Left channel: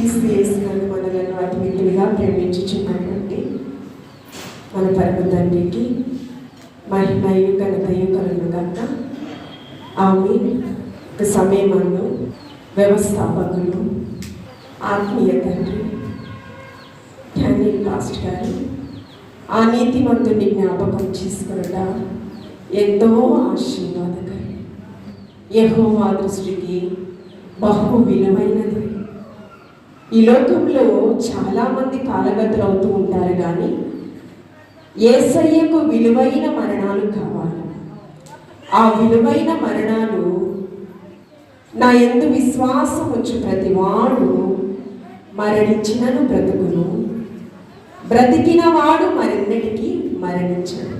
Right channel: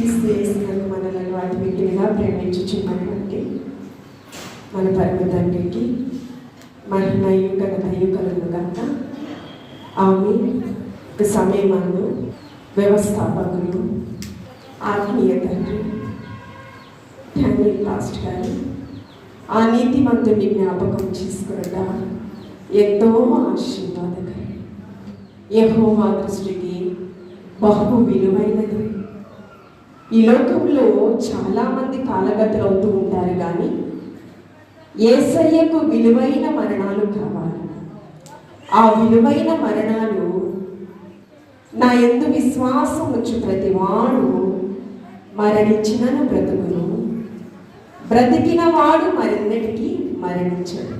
క్రీస్తు యేసునందు మనలను అతి మిక్కిలిగా ప్రేమించుచున్నటువంటి మన పరమ తండ్రికి మహిమయు ఘనతయు కలుగుగాక. ఆమేన్. సమయమాను వ్యవస్థాపకులు ఆత్మీయ తండ్రి డానియల్ పాస్టర్ గారు ఆ నీతిమంతుడిని జ్ఞాపకం చేసుకోవడం ఎంతో ఆశీర్వాదకరం. యెహోవా దృష్టికి బహు విలువైనది. ఈ లోకంలో చాలామంది కాలగతులవుతూ ఉంటారు, కానీ యేసయ్యకు విలువైన మరణాలు కావాలి. ఆ విలువైన మరణాలు నా యందు విశ్వాసం వచ్చి ప్రతివాడు మరణించినను బ్రతుకును, బ్రతికిన వాడు మరెన్నటికీ మరణించడు.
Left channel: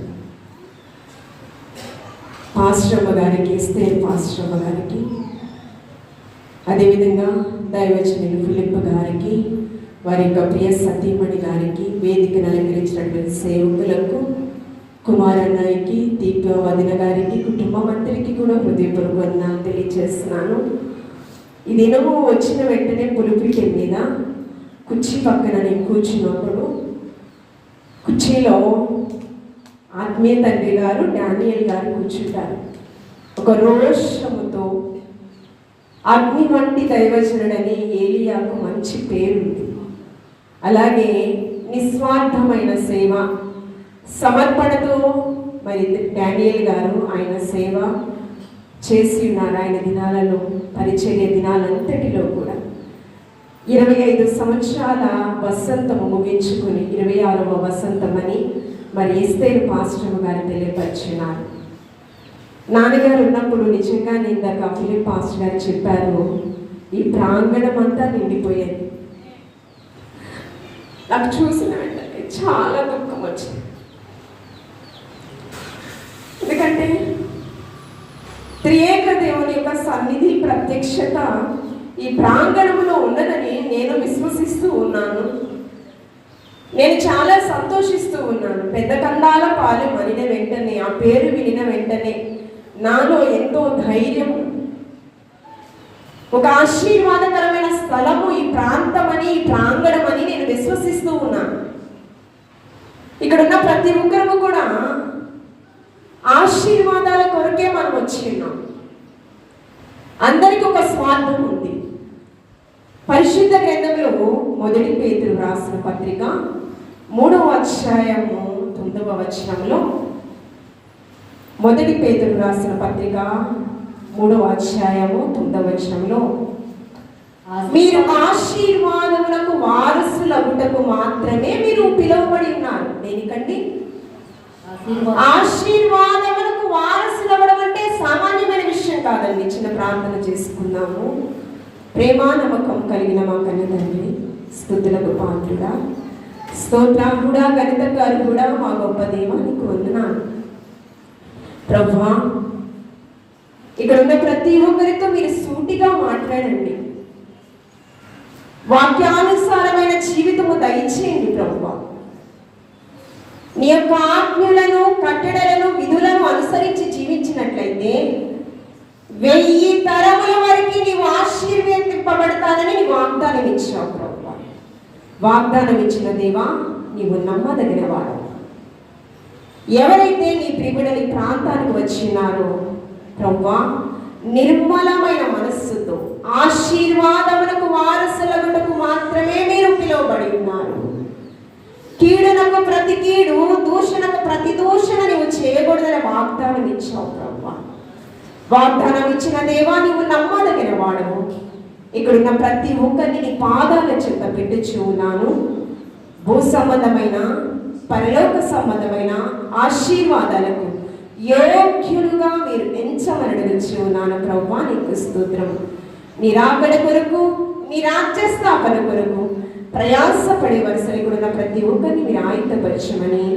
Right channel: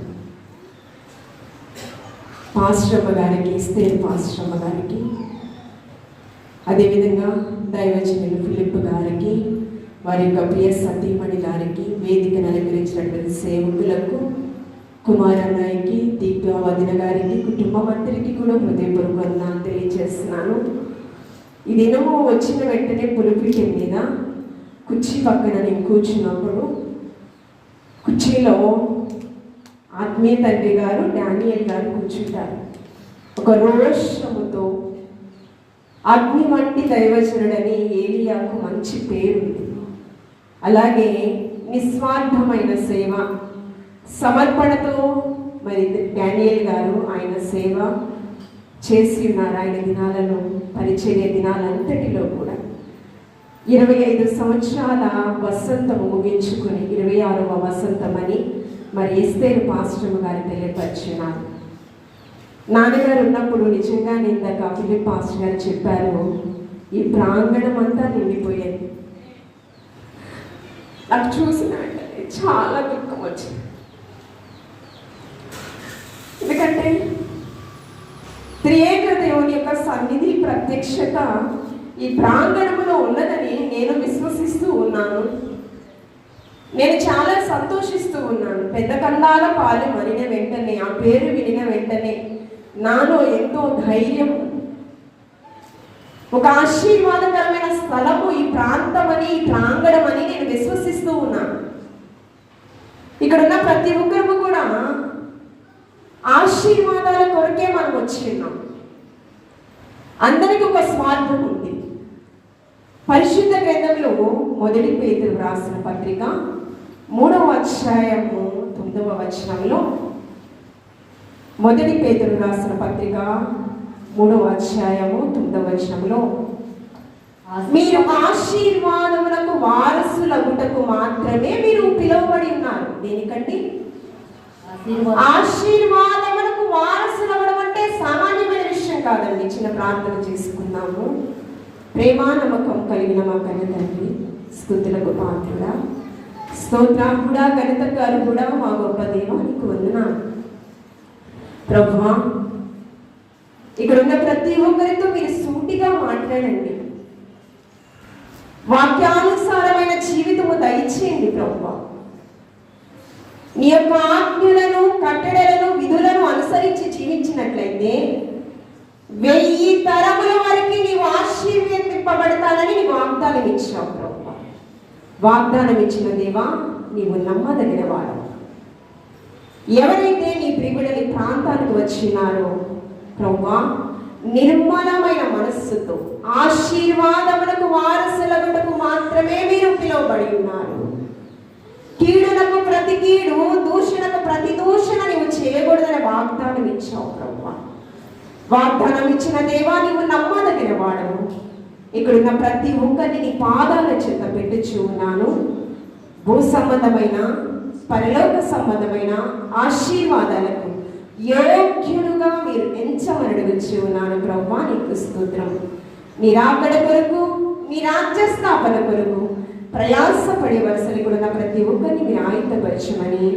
పాస్టమ్మ గారికి, ఎస్తేర్ పాస్టమ్మ గారికి, అదేవిధంగా దైవజనులు ఫిలిప్ గారికి, వారి యొక్క ప్రియ సతీమణి గారికి, వేదికను అలంకరించినటువంటి సేవకులకు, కుమారన్నయ్యకి, దీప వదిన గారికి, కుటుంబం అందరికీ కూడా హృదయపూర్వకంగా తెలియజేస్తున్నాను. ఈ దినము వచ్చిన వెంటనే పులిపిటి మీద కుర్చీ పక్కన నేను కూర్చున్నప్పుడు కుర్చీలో ఆత్మీయ తండ్రి గారు డానియల్ గారు కూర్చుంటారు. ఒక రోషముతో అగ్ని వంటి దైవజనుడని ఏలియాకు మంచి పేరు. అలాగే నిస్వార్థమైన సేవ, సమర్పణతో మరి డానియల్ గారు ఆయన సేవ చేసి ఉన్నారు. ఆయన దినాలలో, పరిచర్య దినాలంతటిలో కూడా 25 సంవత్సరాల వసంతము ముగించుకుని 26వ వసంతం అని మరి ఎస్తేర్ పాస్టర్ గారు తెలియపరిచినారు. నాన్నగారు ఉన్నప్పుడు నిజంగా ఇందాక ఫిలిప్ పాస్టర్ గారు చెప్పారు, ఈ ప్రాంగణం అంతా నిండిపోయేది. నాకు చూసిన వెంటనే చాలా దుఃఖం వచ్చింది. ఎందుకంటే త్రియేక దేవుని యొక్క సన్నిధి, ప్రత్యక్షత ఈ ప్రాంగణంలో ఉన్నదని నేను విశ్వసిస్తూ ఉన్నాను. నేను చాలా సంతోషిస్తూ ఉన్నాను. పెద్ద కండాల పాలెం వినిన వెంటనే, ఆ పేరు వినిన వెంటనే నాలో ఎంతో ధైర్యం, ఒక ఆశీర్వాదకరమైన స్థలము ఈ ప్రాంతం అని, ఈ ప్రాంగణం అని నేను విశ్వసిస్తూ ఉన్నాను. ఇక్కడ ఉన్న ప్రతి ఒక్కరికి కూడా ఆశీర్వాదాల కొరకే మనం వచ్చి ఉన్నాం. అందరికీ ఒక స్వార్థం ఉంది. పరిశుద్ధ గ్రంథంలో 1 పేతురు రాసిన పత్రిక 3వ అధ్యాయము 9వ వచనంలో, 1 పేతురు రాసిన పత్రిక 3వ అధ్యాయము 9వ వచనంలో, మీరు ఆశీర్వాదములకు వారసులగుటకు మాత్రమే మీరు పిలువబడి ఉన్నారు. దేనికండి? ఆశీర్వాదములకు వారసులవ్వడం అంటే సామాన్యమైన విషయం కాదండి. చిన్న ప్రార్థన చేసుకుందాము. ప్రేమ నమ్మకం కలిగిన మా కన్న తండ్రి, స్తుతులకు పాత్రుడా, స్తోత్రాకుడా, గణిత గారు కూడా మా గొప్ప దేవానికి వందనాలు ప్రభువా. ఇక్కడ ఉన్న ప్రతి ఒక్కరితో మీరు సూటిగా మాట్లాడండి. వాక్యానుసారమైన జీవితము దయచేయండి ప్రభువా. నీ యొక్క ఆజ్ఞలను, కట్టడలను, విధులను అనుసరించి జీవించినట్లయితే 1000 తరముల వరకు నీవు ఆశీర్వదింపబడతానని నీ వాగ్దానం ఇచ్చావు ప్రభువా. వాగ్దానం ఇచ్చిన దేవా, నీవు నమ్మదగిన వాడు. ఎవరైతే నీ ప్రియుడని ప్రాంతానికి వచ్చినారో ప్రభువా, నిర్మలమైన మనస్సుతో ఆశీర్వాదములకు వారసులగుటకు మాత్రమే మీరు పిలువబడి ఉన్నారు. కీడునకు ప్రతి కీడు, దూషణకు ప్రతి దూషణ నీవు చేయకూడదని వాగ్దానం ఇచ్చావు ప్రభువా. వాగ్దానం ఇచ్చిన దేవా, నీవు నమ్మదగిన వాడవు. ఇక్కడున్న ప్రతి ఒక్కరిని నీ పాదాల చెంత పెట్టుచు ఉన్నాను. భూ సంబంధమైన, పరలోక సంబంధమైన ఆశీర్వాదాలకు యోగ్యులుగా మీరు ఎంచమని అడుగుచు ఉన్నాను ప్రభువా. నీకు స్తోత్రం. నీ రాకడ కొరకు, నీ రాజ్య స్థాపన కొరకు ప్రయాసపడే వరుసలు కూడా ప్రతి ఒక్కరిని మీరు ఆయుధపరచమని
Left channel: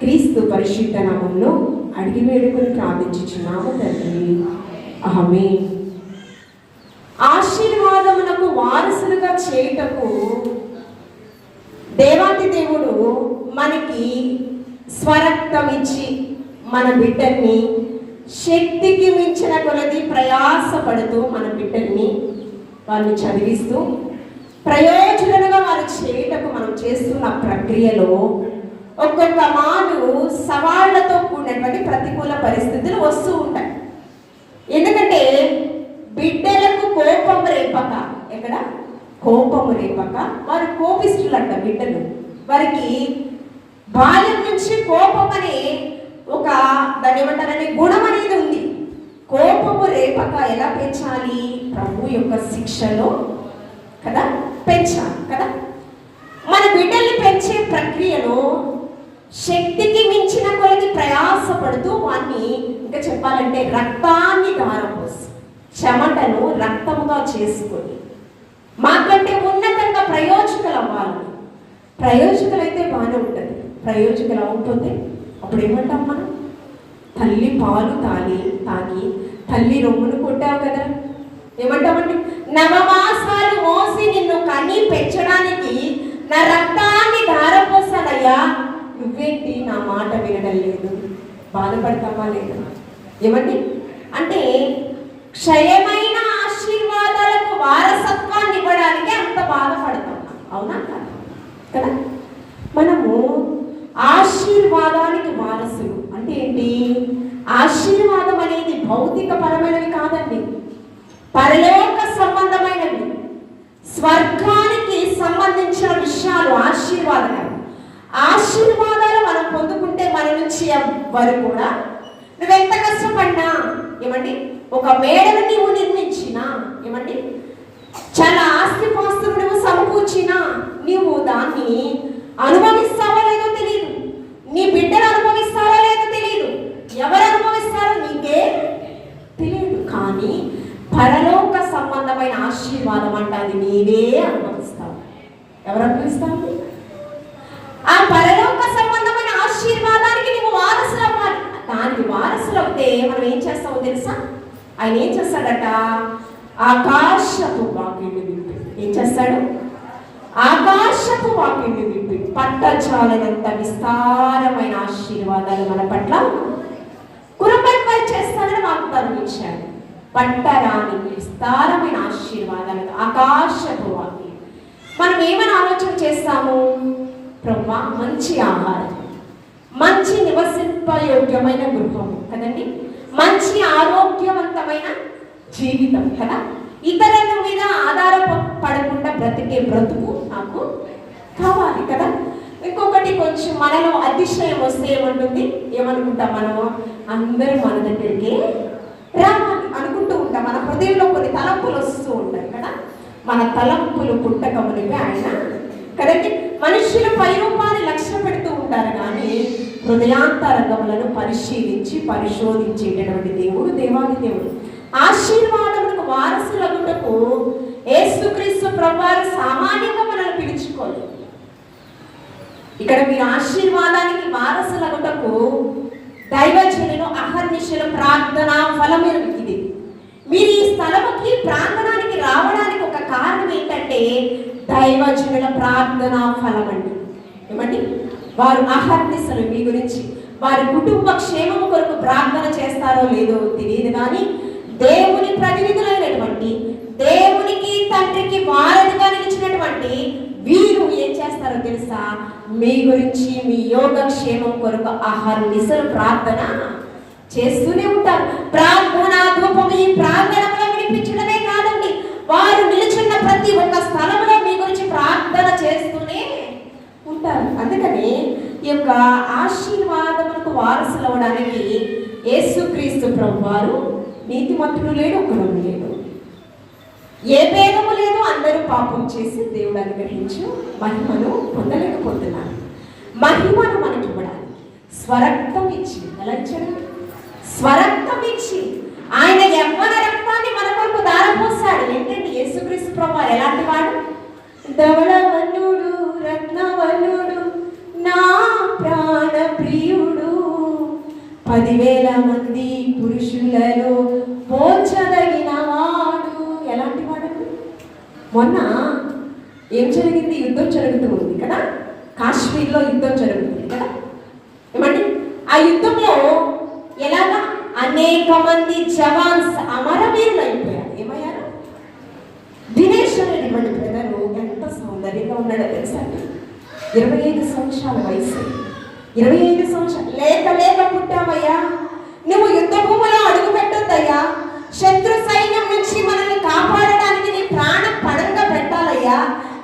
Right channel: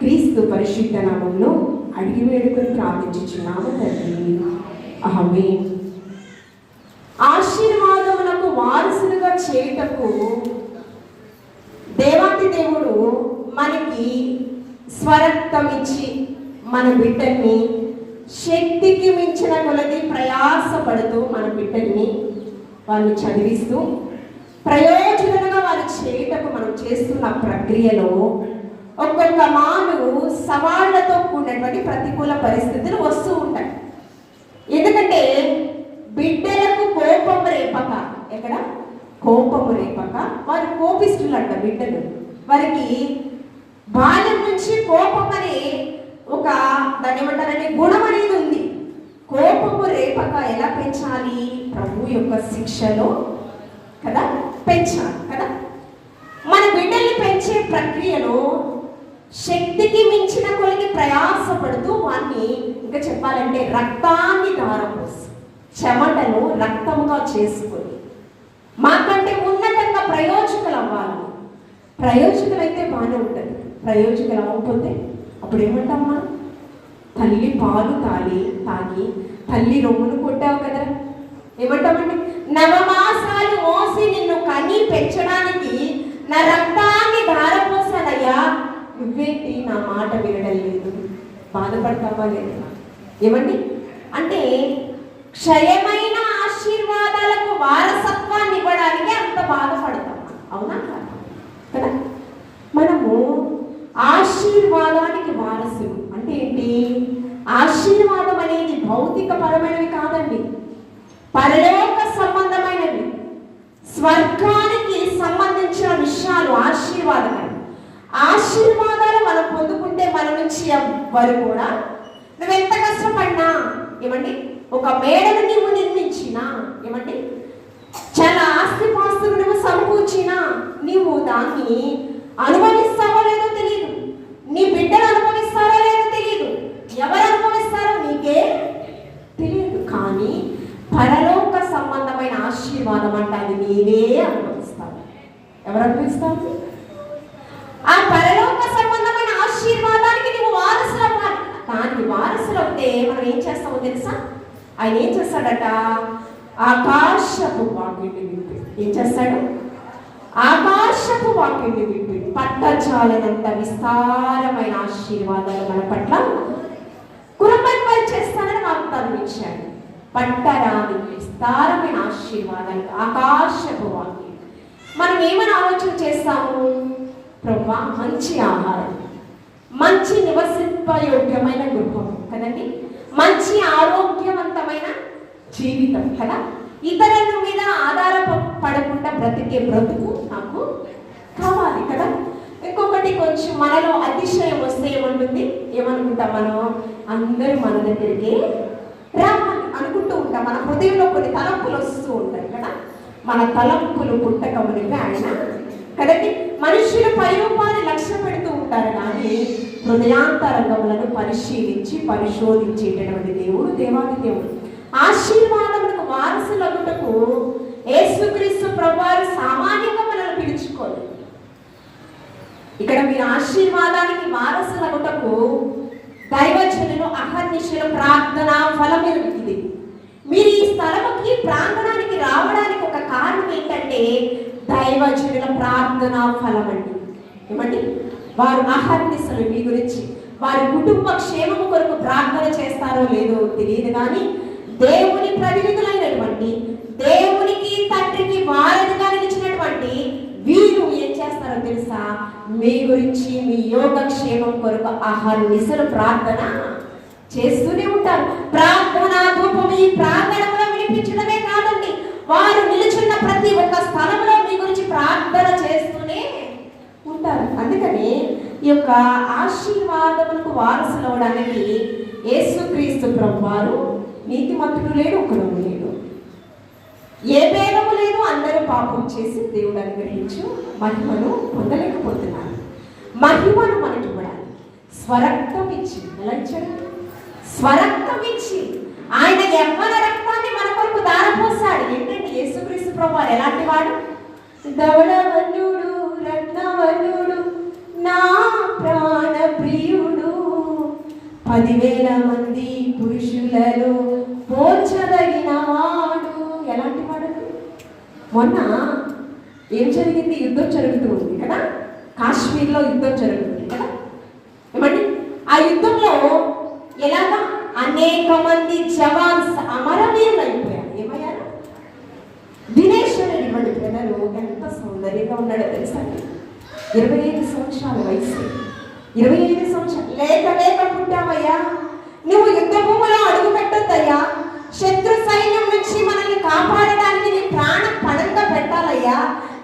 క్రీస్తు పరిశుద్ధ నామములో అడిగి వేడుకొని ప్రార్థించుచున్నాము తండ్రి. ఆమేన్. ఆశీర్వాదమునకు వారసులుగా చేయుటకు దేవాతి దేవుడు మనకి స్వరక్తం ఇచ్చి మన బిడ్డల్ని శక్తికి మించిన కొలది ప్రయాసపడుతూ మన బిడ్డల్ని వాళ్ళు చదివిస్తూ ప్రయోజనంగా వారు చేయటకు మనం చేస్తున్న ప్రక్రియలో ఒక్కొక్క మాను సవాళ్లతో కూడినటువంటి ప్రతికూల పరిస్థితులు వస్తూ ఉంటాయి. ఎందుకంటే బిడ్డలకు కోపం రేపక, ఎక్కడ కోపము రేపక, వారు కోపిస్తులంట బిడ్డలు. వారికి బాల్యం నుంచి కోపం అనే ఒక దాన్ని ఏమంటారని గుణం అనేది ఉంది. కోపము రేపక ఎలా పెంచాలి? ప్రభు యొక్క శిక్షలో కదా పెంచాలి కదా. మన బిడ్డల్ని పెంచే ప్రక్రియలో శక్తికి మించిన కొలది ప్రయాసపడుతూ వాన్ని ఇంకా చెప్పాలంటే రక్తాన్ని ధారపోసి చెమటను రక్తంగా చేసుకొని మాకంటే ఉన్నతంగా ప్రయోజకులు అవ్వాలి. ప్రయోజకులు అయితే బాగానే ఉంటుంది. ప్రయోజకులు అవ్వకపోతే అప్పుడు ఏమంటాం మనం? తల్లి పాలు తాగి తల్లి రొమ్మును కొట్టావు కదా, ఏమంటామండి? నవమాసాలు మోసి నిన్ను కన్ని పెంచడానికి నా రక్తాన్ని ధారపోసానయ్యా, నువ్వేంటి నా మాట వినడం లేదు, బాధపడతావా లేదా? ఏమండి అంటే క్షయమైన ఆశీర్వాదాలకు వారసత్వాన్ని ఇవ్వడానికి అంత బాధపడతాం. అవునా కదా? మనము ఆశీర్వాదానికి వారసులు అంటే ఏంటి? ఆశీర్వాదం అనేది భౌతిక పరమైనవి కాదండి, పరలోక సంబంధమైనవి, స్వర్గానికి సంబంధించిన విషయాలు ఆశీర్వాదాలు. ఆశీర్వాదాలు మనం పొందుకుంటే మన నుంచి వారు కూడా నువ్వెంత కష్టపడినా, ఏమండి ఒక మేడను నీవు నిర్మించినా, ఏమండి చాలా ఆస్తిపాస్తులు నువ్వు సమకూర్చినా, నీవు దాన్ని అనుభవిస్తావో లేదో తెలియదు, నీ బిడ్డలు అనుభవిస్తారో లేదో తెలియదు, ఎవరు అనుభవిస్తారో నీకే తెలియదు. కానీ పరలోక సంబంధమైన ఆశీర్వాదం అంటే అది నీవే అనుభవిస్తావు. ఎవరు అనుభవిస్తావు? ఆ పరలోక సంబంధమైన ఆశీర్వాదానికి నువ్వు వారసులు అవ్వాలి. దానికి వారసులు అవుతే మనం ఏం చేస్తామో తెలుసా? ఆయన ఏం చేస్తాడట? ఆకాశపు వాకిలి విప్పి ఏం చేస్తాడు? ఆకాశపు వాకిలి విప్పి పట్టజాలనంత విస్తారమైన ఆశీర్వాదాలు మన పట్ల కురపై చేస్తానని వాగ్దానం ఇచ్చాడు. పట్టరాని విస్తారమైన ఆశీర్వాదాలు ఆకాశపు వాకిలి. మనం ఏమైనా ఆలోచన చేస్తాము? బ్రహ్మ మంచి ఆహారం, మంచి నివసింపయోగ్యమైన గృహం కదండి, మంచి ఆరోగ్యవంతమైన జీవితం కదా, ఇతరుల మీద ఆధారపడకుండా బ్రతికే బ్రతుకు నాకు కావాలి కదా. ఇంకొకటి కొంచెం మనలో అతిశయం వస్తే ఏమంటుంది? ఏమనుకుంటాం మనం? అందరూ మన దగ్గరికి రావాలి అనుకుంటూ ఉంటాం. మన హృదయంలో కొన్ని తలంపులు వస్తూ ఉంటాయి కదా. మన తలంపులు పుట్టకమునిపై ఆయన కదండి. మనుషులు పైరూపాన్ని లక్ష్య పెడుతూ ఉంటారు, కానీ హృదయాంతరంగములను పరిశోధించేటటువంటి దేవుడు దేవాది దేవుడు. ఆశీర్వాదములకు వారసులగుటకు యేసుక్రీస్తు ప్రభువారు సామాన్యంగా మనల్ని పిలుచుకోలేదు. ఇక్కడ మీరు ఆశీర్వాదానికి వారసులగుటకు దైవజనులు అహర్నిశలు ప్రార్థన ఫలమే ఇది. మీరు ఈ స్థలముకి ప్రాంగణానికి రావడానికి ఒక కారణం ఏంటంటే దైవజనుల ప్రార్థన ఫలం అండి. ఏమండి? వారు అహర్నిశలు మీ గురించి, వారి కుటుంబ క్షేమం కొరకు ప్రార్థన చేస్తారో లేదో తెలియదు, కానీ దేవుని ప్రతినిధులైనటువంటి, దేవునికి తండ్రికి వారధిగా నిలిచినటువంటి వీరు ఏం చేస్తారో తెలుసా? మీ గురించి, మీ యోగక్షేమం కొరకు అహర్నిశలు ప్రార్థన చేస్తూనే ఉంటారు. ప్రార్థన ధూపం ఈ ప్రార్థనలో వినిపించడమే కాదండి, వారు నిలిచిన ప్రతి ఒక్క స్థలంలో మీ గురించి ప్రార్థన చేస్తూనే ఉంటారు. అందుకని ఈ యొక్క ఆశీర్వాదములకు వారసులు అవడానికి యేసుక్రీస్తు ప్రభువారు నీతిమంతుడు లేడు, ఒకరు లేడు, ఏ భేదము లేదు, అందరూ పాపం చేసి దేవుడు అనుగ్రహించు మహిమను పొందలేకపోతున్నారు. మహిమను మనకి ఇవ్వడానికి స్వరక్తం ఇచ్చి, ఎలా ఇచ్చాడు? స్వరక్తం ఇచ్చి ఆయన యవ్వన రక్తాన్ని మన కొరకు దారపోసాడు. ఏంటంటే యేసుక్రీస్తు ప్రభువారు ఎలాంటి వాడు? ధవళవనుడు, రత్నవనుడు, నా ప్రాణ ప్రియుడు, 10,000 మంది పురుషులలో పోల్చదగిన వాడు. ఎలాంటి వాడు? మొన్న ఏం జరిగింది? యుద్ధం జరుగుతూ ఉంది కదా, కాశ్మీర్లో యుద్ధం జరుగుతుంది కదా. ఏమండి? ఆ యుద్ధంలో ఎలాగా అనేక మంది జవాన్స్ అమరవీరులు అయిపోయారు. ఏమయ్యారు? దినేష్ అని ఇవ్వండి బ్రదరు 25 సంవత్సరాల వయసు, 25 సంవత్సరాలు లేక పుట్టామయ్యా. నువ్వు యుద్ధ భూమిలో అడుగు పెట్టొద్దయ్యా. శత్రు సైన్యం నుంచి మనల్ని కాపాడడానికి నీ ప్రాణం పణంగా పెట్టాలయ్యా.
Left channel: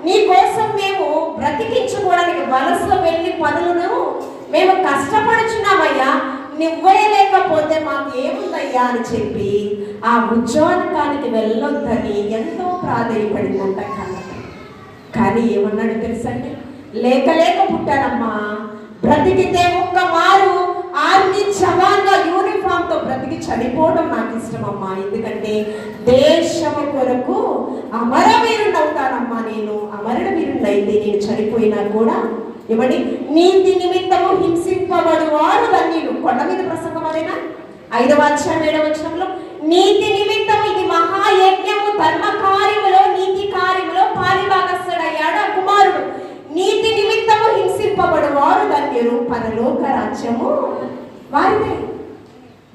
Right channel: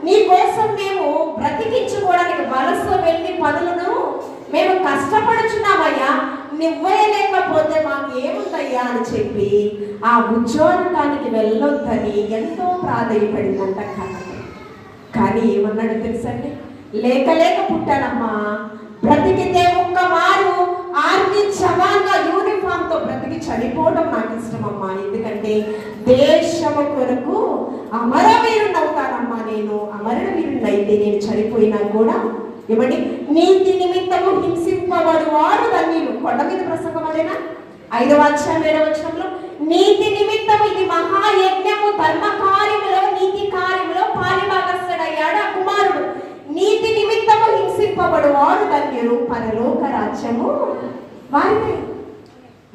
నీ కోసం మేము బ్రతికించుకోవడానికి వలసలో వెళ్ళి పనులను మేము కష్టపడుచున్నామయ్యా. నువ్వే లేకపోతే మాకు ఏముందయ్యా అని చెప్పి ఆ ఉద్యోగానికి వెళ్ళొద్దని ఎంతో ప్రాధేయపడిందంట. కానీ ఏమన్నాడు తెలుసండి? లేక పుట్టానమ్మా, బ్రతికితే ఒక్క మారు ఆర్మీ జవాన్గా యూనిఫామ్ తో బ్రతికి చనిపోవడం నాకు ఇష్టమమ్మా. ఎందుకంటే దేశము కొరకు అమరవీరుడు అవుతానమ్మా. నేను అమరవీరుడు అయితే నేను చనిపోయినా కూడా ఏమండి, నీతి నిమిత్తము హింసింపబడు వారు ధన్యులు. కొండ మీద ప్రసంగం అదేనా? 5వ అధ్యాయం 7వ వచనంలో నీతి నిమిత్తము, ఇది మహాయజ్ఞము, ధర్మ కార్యములో నీతి కార్యములో పాలిభాగస్థుడయ్యాడు ఆ కుమారుడు. నీతి నిమిత్తము హింసింపబడు వారు ధన్యులు, పరలోక రాజ్యము వారిదే.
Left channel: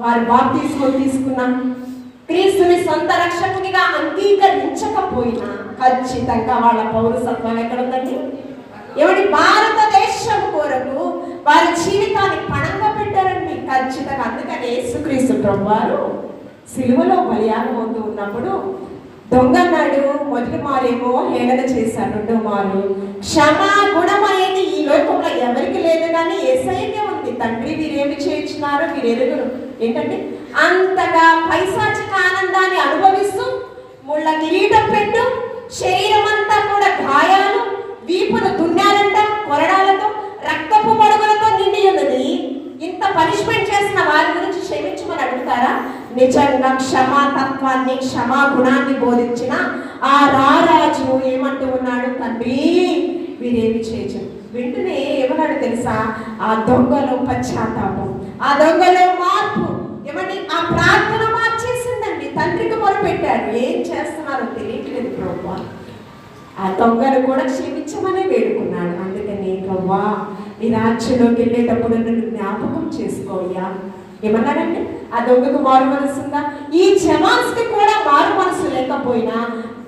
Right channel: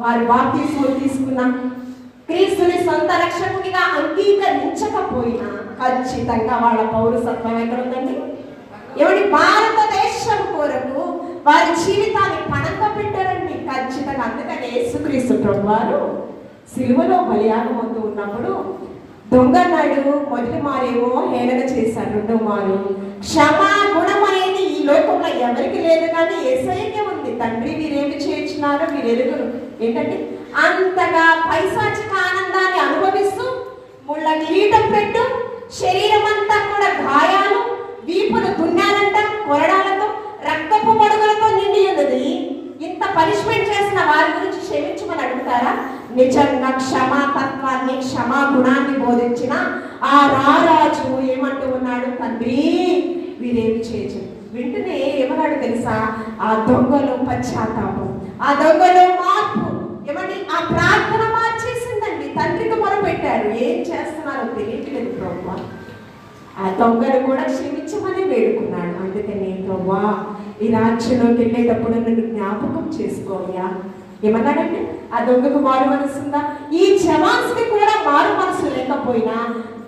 వారు బాప్తిస్మం తీసుకున్న క్రీస్తుని సొంత రక్షకునిగా అంగీకరించకపోయినా ఖచ్చితంగా వాళ్ళ పౌరసత్వం ఎక్కడ ఉందండి? ఎవరి భారతదేశం కొరకు వారి జీవితాన్ని పణంగా పెట్టారండి ఖచ్చితంగా. అందుకని యేసుక్రీస్తు ప్రభువారు సిలువలో బలియాగం అవుతూ ఉన్నప్పుడు దొంగన్నాడు. మొదటి మారేమో హేళన చేశాడు, రెండో మారు క్షమా గుణం అనేది ఈ లోకంలో ఎవరికి లేదు, కానీ యేసయ్యకే ఉంది. తండ్రి మీరేమి చేయించినారో మీరు ఎదుగురు ఏంటంటే అంతగా పైశాచిక ఆనందాన్ని అనుభవిస్తూ ముళ్ళ కిరీటం పెట్టు, శరీరం అంతా కూడా గాయాలు, వీపును దున్నాలంట, కొరడాలతో, రక్తపు మడుగులతో నిండి ఉన్నది. ఇంత పనిష్మెంట్ చేసిన వారి గురించి క్షమించమని అడుగుతారా? నిజంగా క్షమాతత్వాన్ని, క్షమా గుణాన్ని బోధించిన ఆ రారాజు ఏమంటూ ఉన్నాడు? తండ్రి వీరేమి చేయచ్చు. వెంటనే ఏమన్నాడు తెలుసా? ఆ దొంగలో పశ్చాత్తాపం, ఆ దొంగలో మార్పు, ఏమంటే ఆ ప్రార్థన మార్చేసిందండి. తండ్రికి మొరపెట్టారు. ఏం చేస్తున్నారో తెలియట్లేదు ప్రభువా. ఆ దొంగను కూడా క్షమించమని వేడుకున్నాడు. అందుకని ప్రభువా ఈ రాజ్యంలోకి వెళ్ళేటప్పుడు నన్ను జ్ఞాపకం చేసుకోయ్యా. ఏమన్నాడంటే ఆ దొంగకు మారు మనసు ఉందా? ఈ జవాన్స్కి కూడా మారు మనసు లేకపోయినా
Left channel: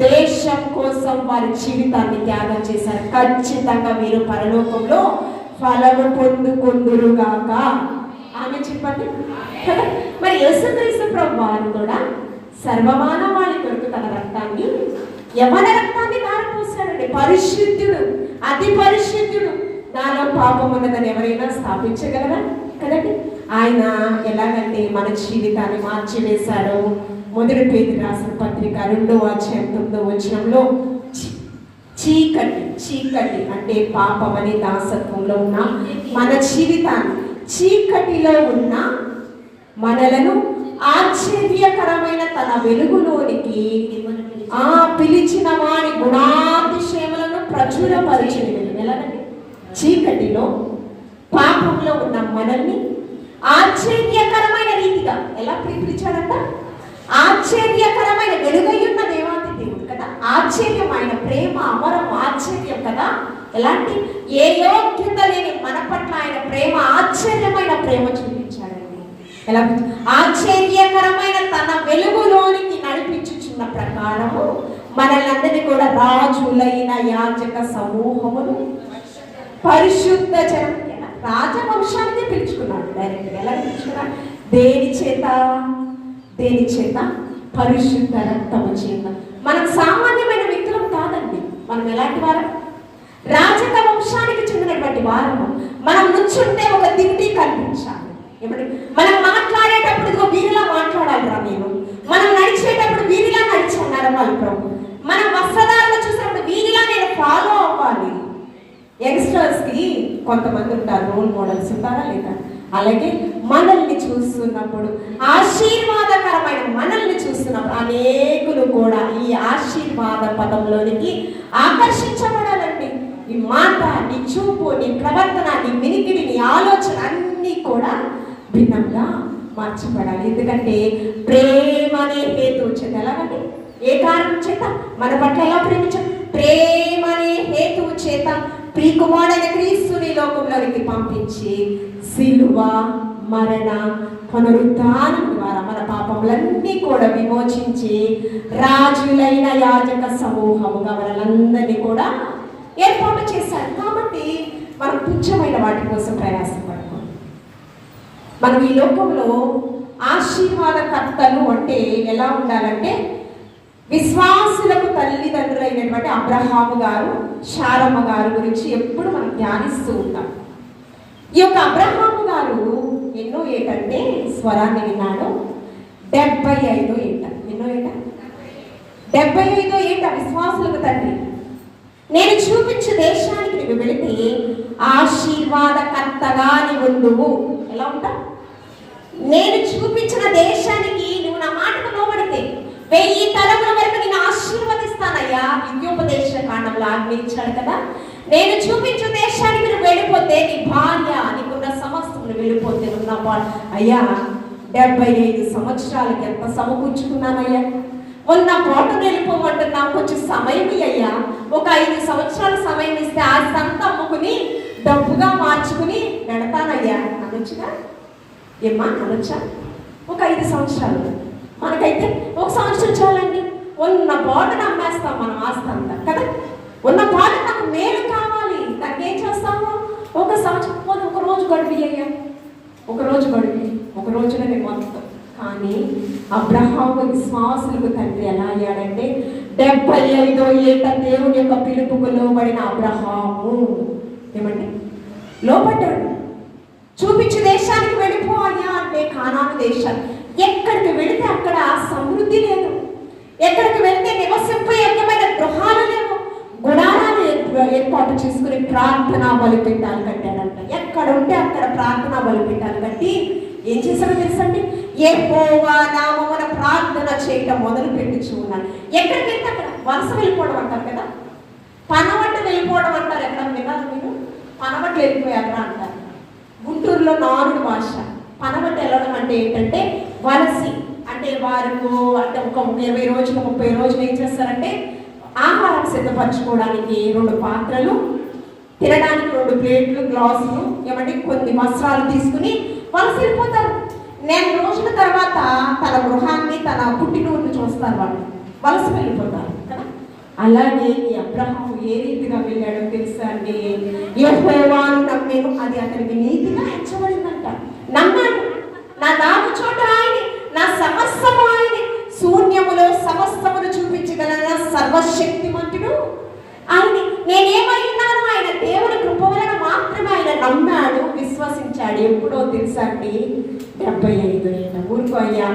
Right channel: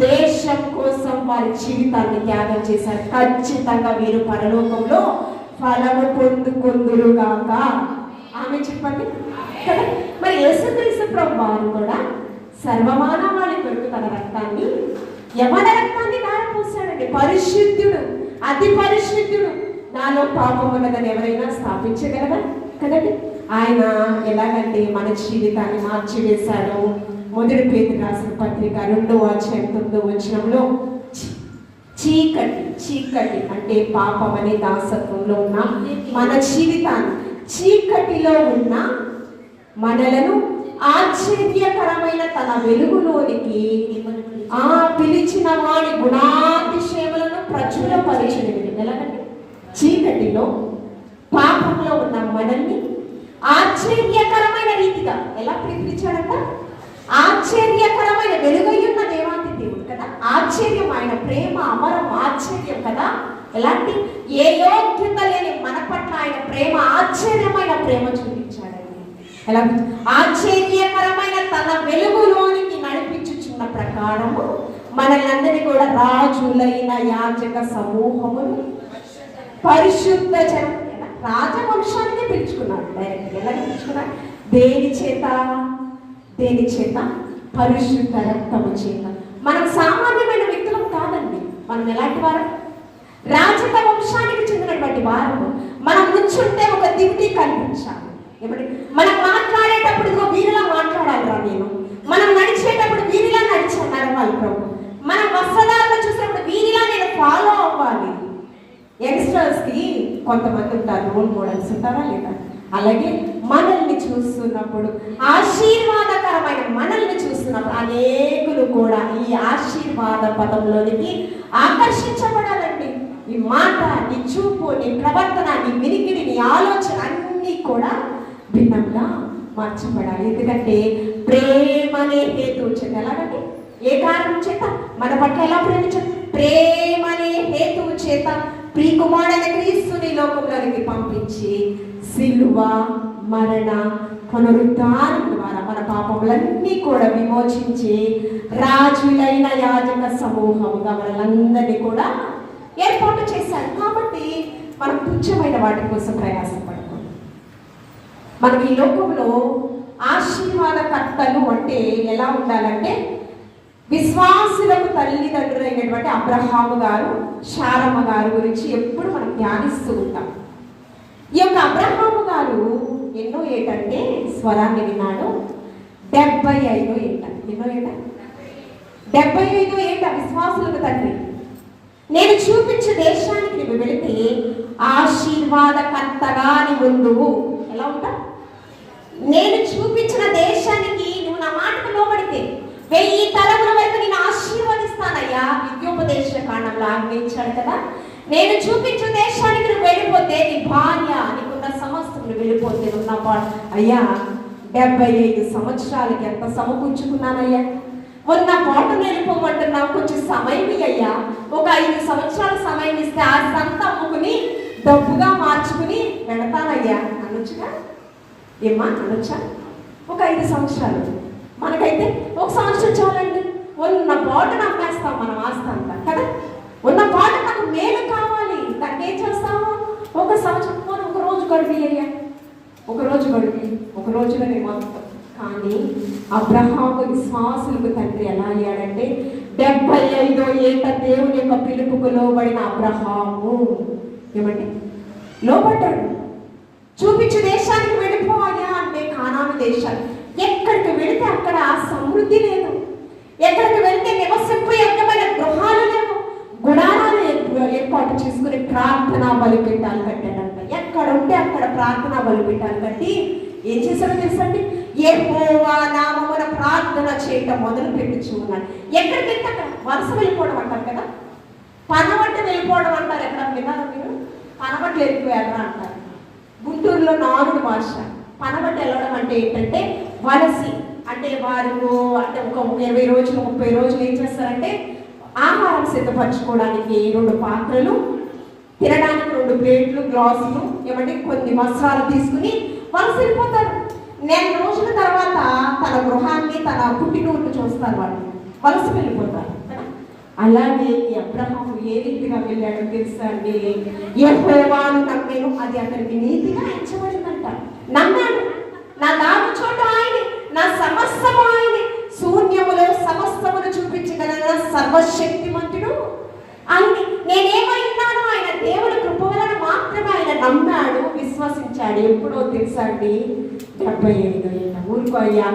దేశం కోసం వారి జీవితాన్ని త్యాగం చేశారు. ఖచ్చితంగా వీరు పరలోకంలో ఫలము పొందుకొందురుగాక. ఆమె చెప్పండి కదా. మరి యేసుక్రీస్తు ప్రభువారు కూడా సర్వమానవాళి కొరకు తన రక్తాన్ని, యవన రక్తాన్ని దారపోసాడండి. పరిశుద్ధుడు, అతి పరిశుద్ధుడు. నాలో పాపం ఉన్నదని ఎవరైనా స్థాపించగలరా? కదండి. ఆయన ఎలాగంటే మన జీవితాన్ని మార్చివేశాడు. మొదటి పేతురు రాసిన పత్రిక 2వ అధ్యాయం 9వ వచనంలో చీకటి అంటే పాపం అనే దాసత్వంలో ఉన్న మన జీవితాన్ని, చీకటిలో ఉన్న మనలను ఆశ్చర్యకరమైన తన వెలుగులోనికి పిలిచిన వాడి గుణాతిశయములను ప్రచురపరిచినది. ఎలాగంటే చీకటిలో పాపంలో ఉన్న మనల్ని ఆశ్చర్యకరమైన రీతిగా ఎలా పిలిచాడంట? ఆశ్చర్యకరమైన వెలుగయ్యున్న దేవాది దేవుడు కదా. ఆశ్చర్యమైన ప్రేమ, అమరం, ఆశ్చర్యం కదా. ఎలాంటి ఏ యోగ్యత లేని మన పట్ల ఆయన ప్రేమ, ఆశ్చర్యమైన ప్రేమ చూపించాడండి. ఎలా? ఆశ్చర్యకరమైన తన వెలుగులోనికి నడిపించుచున్న ప్రకారము మనల్ని కూడా రాజులైన యాజక సమూహమును, పరిశుద్ధ జనం, రాజవంశాన్ని పిలుచుకున్నాడు. డైరెక్ట్ ఎలా పిలుచుకున్నాడు? దేని చేత? పరిశుద్ధ రక్తము చేత. మనం సామాన్యమైన వ్యక్తులం కాదండి. మనం ఎలాంటి వారు? రాజక వంశానికి చెందినటువంటి వారు. మనం నుంచుంటే ఒక దివ్య కనిపించాలి. మనం మాట్లాడేటప్పుడు వీరిలా మాట్లాడాలిరా నేను. మనం నడిచేటప్పుడు వీరిలా నడిచుకున్నాడు వాళ్ళు ప్రభు. మనం వస్త్రధారణ చూసినప్పుడు వీరిలా నేను ఫాలో అవ్వాలి. యంగ్స్టర్స్ కి కొంతమంది ఉంటారు, రోల్ మోడల్స్ ఉంటారా లేదా? అలాగే మనల్ని చూస్తున్నప్పుడు, ఆశీర్వాదకరమైన మనల్ని చూస్తున్నప్పుడు అనేకులు కూడా ఈ ఆశీర్వాద పదంలోనికి ఆకర్షించబడాలండి. నీ మాట, నీ చూపు, నీ ప్రవర్తన, నీ వినికిడి, నీ ఆలోచన అన్నీ కూడా భిన్నంగా మార్చబడాలి. ఎందుకంటే ప్రేమ అనే హేతువు చేత. ఎలాగంటే ఏ కారణం చేత? మన పట్ల ఎలా ప్రేమించాం? ప్రేమ అనే హేతువు చేత ప్రియకుమారుడైన క్రీస్తుని లోకంలోకి పంపించి సిలువ, మరణ, పునరుద్ధానం ద్వారా మన పాపములన్నీ కూడా విమోచించి రాజులైన యాజక సమూహముగా మనలందరినీ కూడా ఏర్పాటు చేశారు. కాబట్టి మనం తుచ్చమైన వాటి కోసం ప్రయాసపడము. మనం ఈ లోకంలో ఆశీర్వాదకర్తలు అంటే ఎలా ఉండాలంటే, విశ్వాసులకు తల్లిదండ్రులైనటువంటి అబ్రహాము గారు, శారమ్మ గారు గురించి ఎప్పుడు మనం ధ్యానిస్తూ ఉంటాం. ఈ యొక్క అబ్రహాము గారు ఎన్నో ఏటంటే స్వరాన్ని విన్నాడు. 75 ఏట. ఎన్నో ఏట? 75 ఏట విశ్వాసులకు తండ్రి. నేను చూపించే దేశానికి నువ్వు వెళితే ఆశీర్వాదకర్తగా నీవు ఉండువు. ఎలా ఉంటా? నేను చూపించిన దేశానికి నువ్వు నా మాటకు లోబడితే 1000 తరముల వరకు నేను ఆశీర్వదిస్తానయ్యా. విద్యోపదేశ కాండంలో ఆజ్ఞించాడు కదా. నేను చూపించిన దేశానికి నువ్వు వెళ్ళిపోతే నీ భార్య, నీకున్న సమస్తములు వెళ్ళిపోతే ఉన్న అయ్యా 75 సంవత్సరాలకి ఎంత సమకూర్చుకున్నానయ్యా. మొన్న పాటను వెళ్ళిపోమంటున్నా, కొంచెం సమయం అయ్యా. ఒక 5 సంవత్సరాల సమయం ఇస్తే ఆస్తంతా అమ్ముకుని డబ్బుగా మార్చుకుని వెళతానయ్యా అనొచ్చుగా. ఏమ్మా అనొచ్చా? ఒక 5 సంవత్సరాలు. మనకైతే 1 సంవత్సరం చాలండి. ఉన్న పాటను అమ్మేస్తాం మనం ఆస్తంతా కదా. ఉన్న పాట నాకు మేలు కావాలి, నాకేం చేస్తాము? 1 సంవత్సరం పోనీ 1 రోజు గడిపి అయ్యా, 1 రోజు గడిపి 1 రోజులోనే మొత్తం. కానీ అబ్రహాము విశ్వాసులకు తండ్రి ఎలా అయ్యాడంటే 75 ఏట దేవుని యొక్క పిలుపుకు లోబడిన అబ్రహాము ఏమండి లోబడ్డాడు. చూపించే దేశానికి వెళ్ళిపోయా అంటే కానాను దేశాలు. ఎక్కడికి వెళితే అక్కడ సమృద్ధి లేదు. ఎక్కడికి వెళ్తే నివసింపే యోగ్యమైన గృహాలు లేవు. గుడారాలు ఏర్పాటు చేసుకుని ప్రార్థనా బలిపీఠాలు కట్టాడంట. ఎక్కడ ఉంటే అక్కడ ప్రార్థనా బలిపీఠాలు కట్టి ఏం చేశారో తెలుసండి, యెహోవా నామమున ప్రార్థన చేయటం మొదలు పెట్టుచున్నాడు. ఎక్కడికి వెళ్తే అక్కడ వలస వెళ్ళిపోవడం అంటారు కదా, పనబట్ట వెళ్ళిపోవడం అంటారు. ఎక్కడ విన్నారా మీరు? పనబట్టు వెళ్ళిపోయారా అంటారు. గుంటూరులో నారుడు భాష. పనబట్ట వెళ్ళడం అంటే ఏంటంటే వలసి, అంటే వారు అంటే ఒక 20 రోజులు 30 రోజులు ఏం చేస్తారంటే ఆహారం సిద్ధపరచుకోవడానికి 2 పాత్రలు, తినడానికి 2 ప్లేట్లు, గ్లాసులు, ఏమంటే కొన్ని వస్త్రాలు తీసుకుని వలస వెళ్ళిపోతారు. 4 రోజుల తర్వాత తన గృహాన్ని, తన పుట్టినూరుని చూస్తారు. వాళ్ళు వలస వెళ్ళిపోతారు కదా. అలాగే ఈ అబ్రహాము ఏ రీతిగా వెళ్ళాడో తెలుసా అండి? యెహోవాను నమ్మేను, అది అతనికి నీతిగా ఎంచబడిందంట. నమ్మాడు. నా దాగు చోట ఆయనే, నా సమస్తము ఆయనే, శూన్యములో సమస్తమును చూపించగల సర్వశక్తిమంతుడు ఆయనే. నేనేమై ఉన్నాను? ఆయన దేవుడి కృప వలన మాత్రమే ఆయన నమ్మాడు, విశ్వసించాడు. ఎప్పుడో తెలుసా అండి? 75 ఏట. ఊరుకో అయ్యా,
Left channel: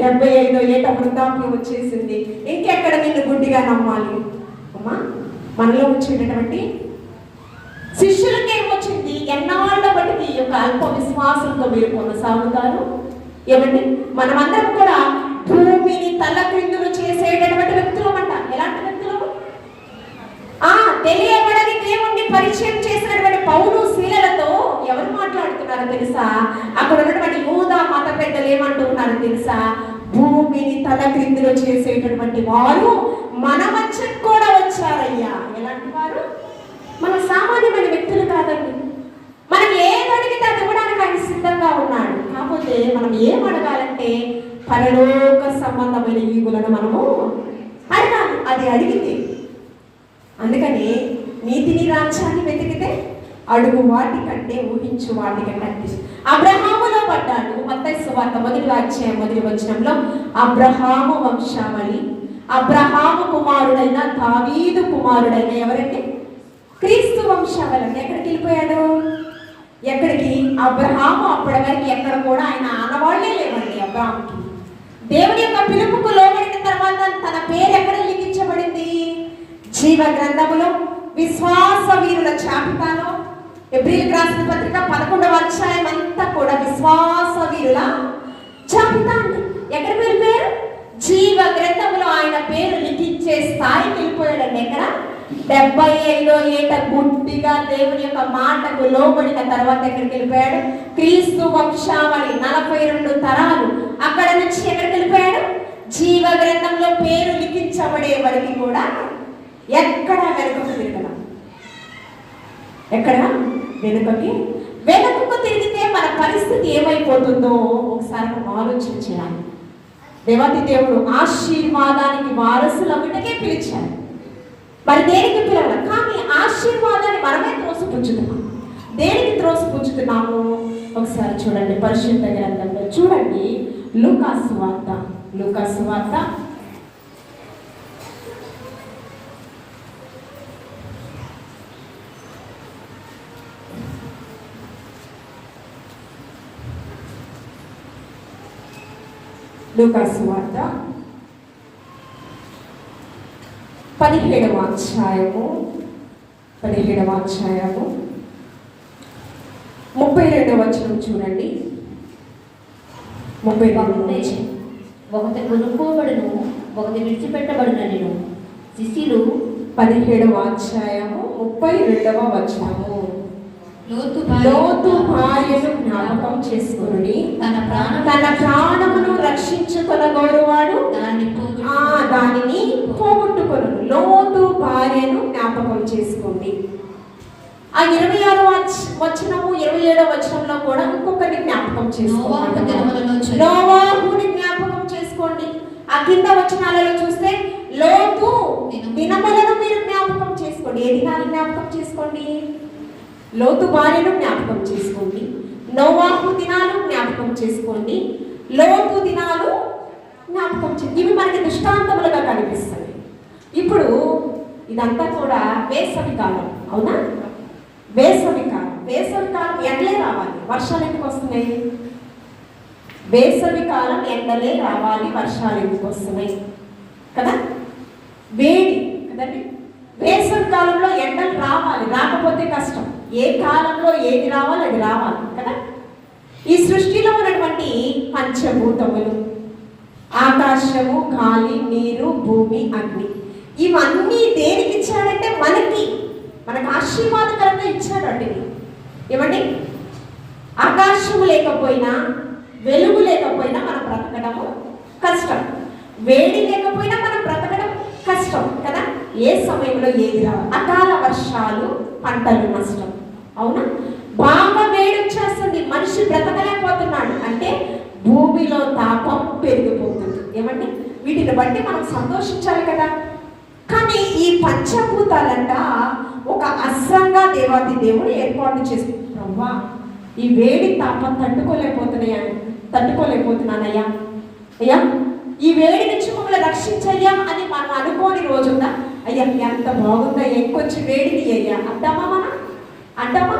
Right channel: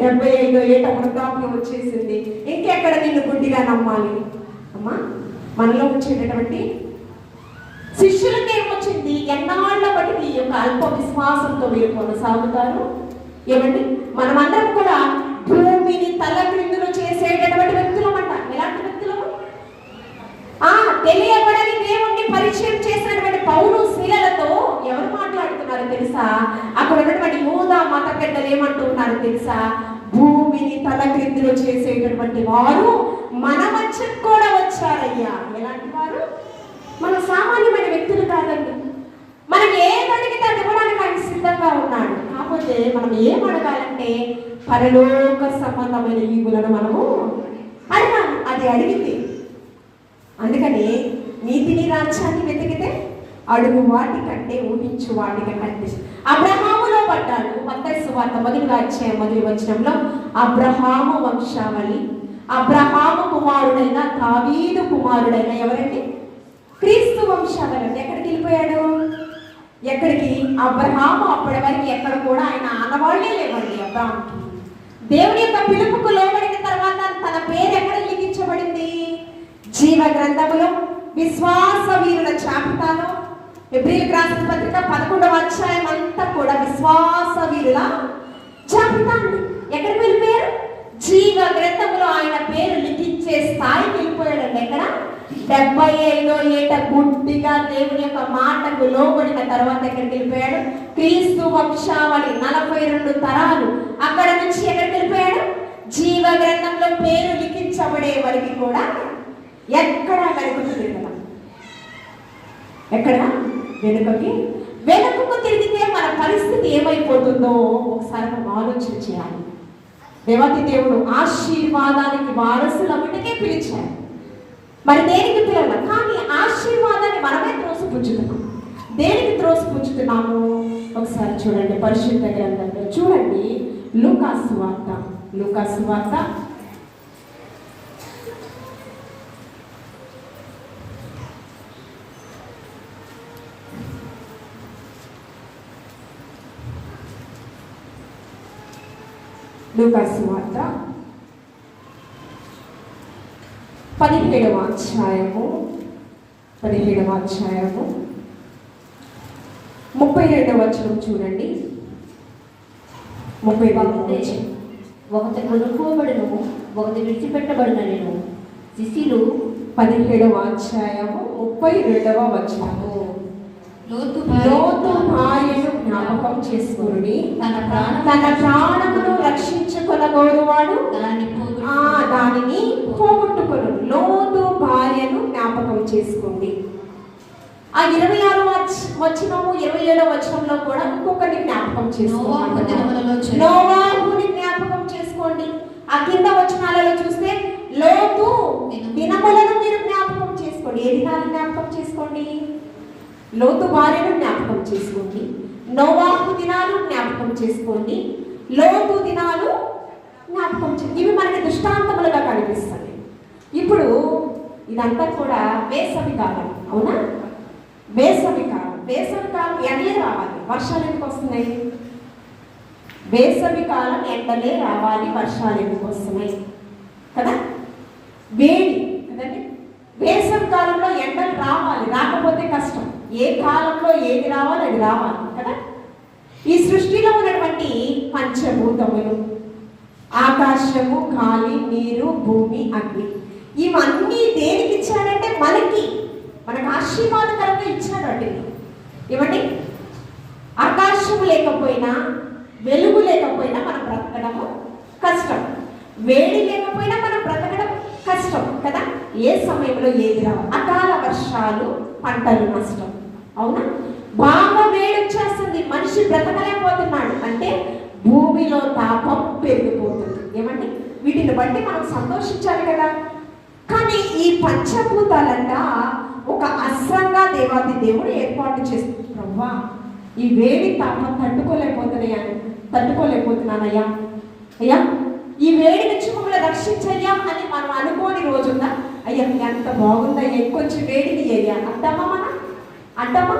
75 ఏట వృద్ధాప్యం వచ్చేసింది. ఇంకెక్కడ నిన్ను గుడ్డిగా నమ్మాలి అమ్మా? మనలో వచ్చేటటువంటి శిష్యులకి ఏమొచ్చింది? ఎన్నాళ్ళ బట్టి ఈ యొక్క అల్ప విశ్వాసంతో మీరు కొనసాగుతారు. ఏమండి, మనమందరం కూడా భూమిని తల క్రిందులు చేసేటటువంటి వ్యక్తులు అంట. ఎలాంటి వ్యక్తులు? తెలియబడని దేవుణ్ణి పరిచయం చేసినటువంటి పౌలు శీలలతో ఎవరు మాట్లాడుతున్నారో తెలుసా? అక్కడ ఉన్నటువంటి యూదా మత పెద్దలు ఏమంటూ ఉన్నారో తెలుసా? భూమిని తల క్రిందులు చేసేటటువంటి వారు మన మధ్యకు కూడా వచ్చారయ్యా. ఎలాంటి వారు? మన సామాన్యమైన వ్యక్తులు కాదండి. మనం ఏదడిగితే అది ఇవ్వడానికి ఆయన సిద్ధంగా ఉన్నాడు. కాకపోతే మనం ఏం అడగాలంటే పరలోక సంబంధమైన ఈవులను మనము అడగాలి. అది అడిగింది. అందుకని నీతిని రాజ్యాన్ని వెతికితే అడుగు వాటి కంటే ఊహించు వాటికి కంటే అబ్రహాములో పడ్డాడు. మత్తయి సువార్త 1వ అధ్యాయం 1వ వచనంలో అబ్రహాము వంశావళి, అబ్రహాము కుమారుడైన దావీదు కుమారుడైన ఎవరంటే క్రీస్తు వంశావళి. ఎక్కడికి వెళ్ళిపోయాడు? ఎక్కడికి? అబ్రహాము అప్పటి వరకు ఎక్కడ కూడా ఆయన ఆనవాళ్లే లేవండి. అబ్రహాముకి దేవుని యొక్క పిలుపుకు లోబడిన తర్వాత తన పేరు ఎక్కడ లిఖించబడింది? జీవ గ్రంథములో, విశ్వాస వీరుల జాబితాలో. హెబ్రీయులకు రాసిన పత్రిక 11వ అధ్యాయం అంతా కూడా విశ్వాస వీరుల జాబితా అండి. ఎక్కడికి వెళ్ళిపోయారు? జీవ గ్రంథములో ఆయన పేరు లిఖించే స్థాయికి వెళ్ళిపోయాడండి. ఎక్కడ? 75 ఏట గుడ్డిగా దేవుని యొక్క మాటకు లోబడిన తర్వాత ఎక్కడికి వెళ్ళిపోయాడు? క్రీస్తు వంశావళి 42 తరాలు. అక్కడ నుంచి ఎక్కడికి వెళ్ళిపోయాడు? జీవ గ్రంథంలో పేరు లిఖించబడే వరకు కూడా ఎక్కడ వెనుకకు కదా, ఎక్కడ వెనుకకు తిరిగితే మన పరిస్థితి ఏమైపోతుందో ఒకసారి మనం ఆలోచన చేయాలి. దేవాతి దేవుడు ఆశీర్వాదానికి వారసులు అవిటకే పిలిచారు. మరి దేనికి పిలవాలి? కానీ ఒకసారి చూడండి పరిశుద్ధ గ్రంథంలో చూడండి, లూకాసు వార్త, లూకాసు వార్త 17వ అధ్యాయము 32వ వచనం చూడండి. 32 ఒకటి కొనుక్కోబడును, ఒకటి విడిచిపెట్టబడినను శిష్యులు. 17వ అధ్యాయము 32వ వచనము. లోతు భార్యను జ్ఞాపకం చేసుకుని తన ప్రాణమును రక్షించుకొనగోరువాడు దానిని పోగొట్టుకొను. లోతు భార్యను జ్ఞాపకం చేసుకోండి. ఆ 26వ వచనము 27వ వచనంలో కూడా ఇంకొకరిని జ్ఞాపకం చేసుకోండి. నోవాహుని జ్ఞాపకం చేసుకోండి. ఆ కింద వచనాలలో చూస్తే లోతు దినములను మీరు జ్ఞాపకం చేసుకోండి. ఏ దినాలు జ్ఞాపకం చేసుకోండి? లోతు భార్యను జ్ఞాపకం చేసుకోండి, నోవాహు దినాలు జ్ఞాపకం చేసుకోండి, లోతు దినాలు జ్ఞాపకం చేసుకోండి. ఇవి మనకి దృష్టాంతములుగా కనిపిస్తాయి. ఇప్పుడు ఇదంతా కూడా వేసవి కాలం, అవునా? వేసవి కాలం ఎండలే రావాలి, వర్షాలు ఎందుకు వస్తున్నాయి? వేసవి కాలం ఎండలే రావాలి, వర్షాలు ఎందుకు వస్తున్నాయి కదా? వేడి కదండి. వేసవి కాలంలో ఎండలు రావాలి, రాకపోతే కష్టం. ఏ కాలంలో ఏది రావాలి అది రావాలి కదా. ఈ సృష్టిలో ఉన్నటువంటి పంచభూతములు, ఆకాశము, గాలి, నీరు, భూమి, అగ్ని, ఇవన్నీ దేనికి ఇచ్చాడంటే మనకి ఆశీర్వాదకరంగా ఇచ్చాడు. వాటిని ఏమండి, ఆకాశము లేకపోయినా, వెలుగు లేకపోయినా మనం బ్రతకడము కష్టం, వేడి లేకపోయినా మనం బ్రతకడం కష్టం కదా. ఏ సమయంలో ఏది రావాలి? అకాల వర్షాలు, పంటలు నష్టం, అవునా? బాగా వేడి వచ్చేస్తుంది, మనిషి బ్రతకలేకపోతున్నాడు అంటే భూమిలో తాపం పెరిగిపోతుంది. ఏమండి, వీటిని బట్టి మనం సంతోషించాలి కదా. కానీ ఈ పంచభూతాలంట ఒక అస్త్రంగా దేవాది దేవుడు ఏర్పాటు చేస్తున్నావా, ఈ వేడి తాపం తట్టుకోలేకపోతున్నానయ్యా, అయ్యా ఈ వేడి నుంచి మమ్మల్ని రక్షించయ్యా అని మనం అనుకోని రోజున, అయ్యా ఎంత బాగుందా, కొంచెం వేడిని అయ్యా అంటామా? అంటామా?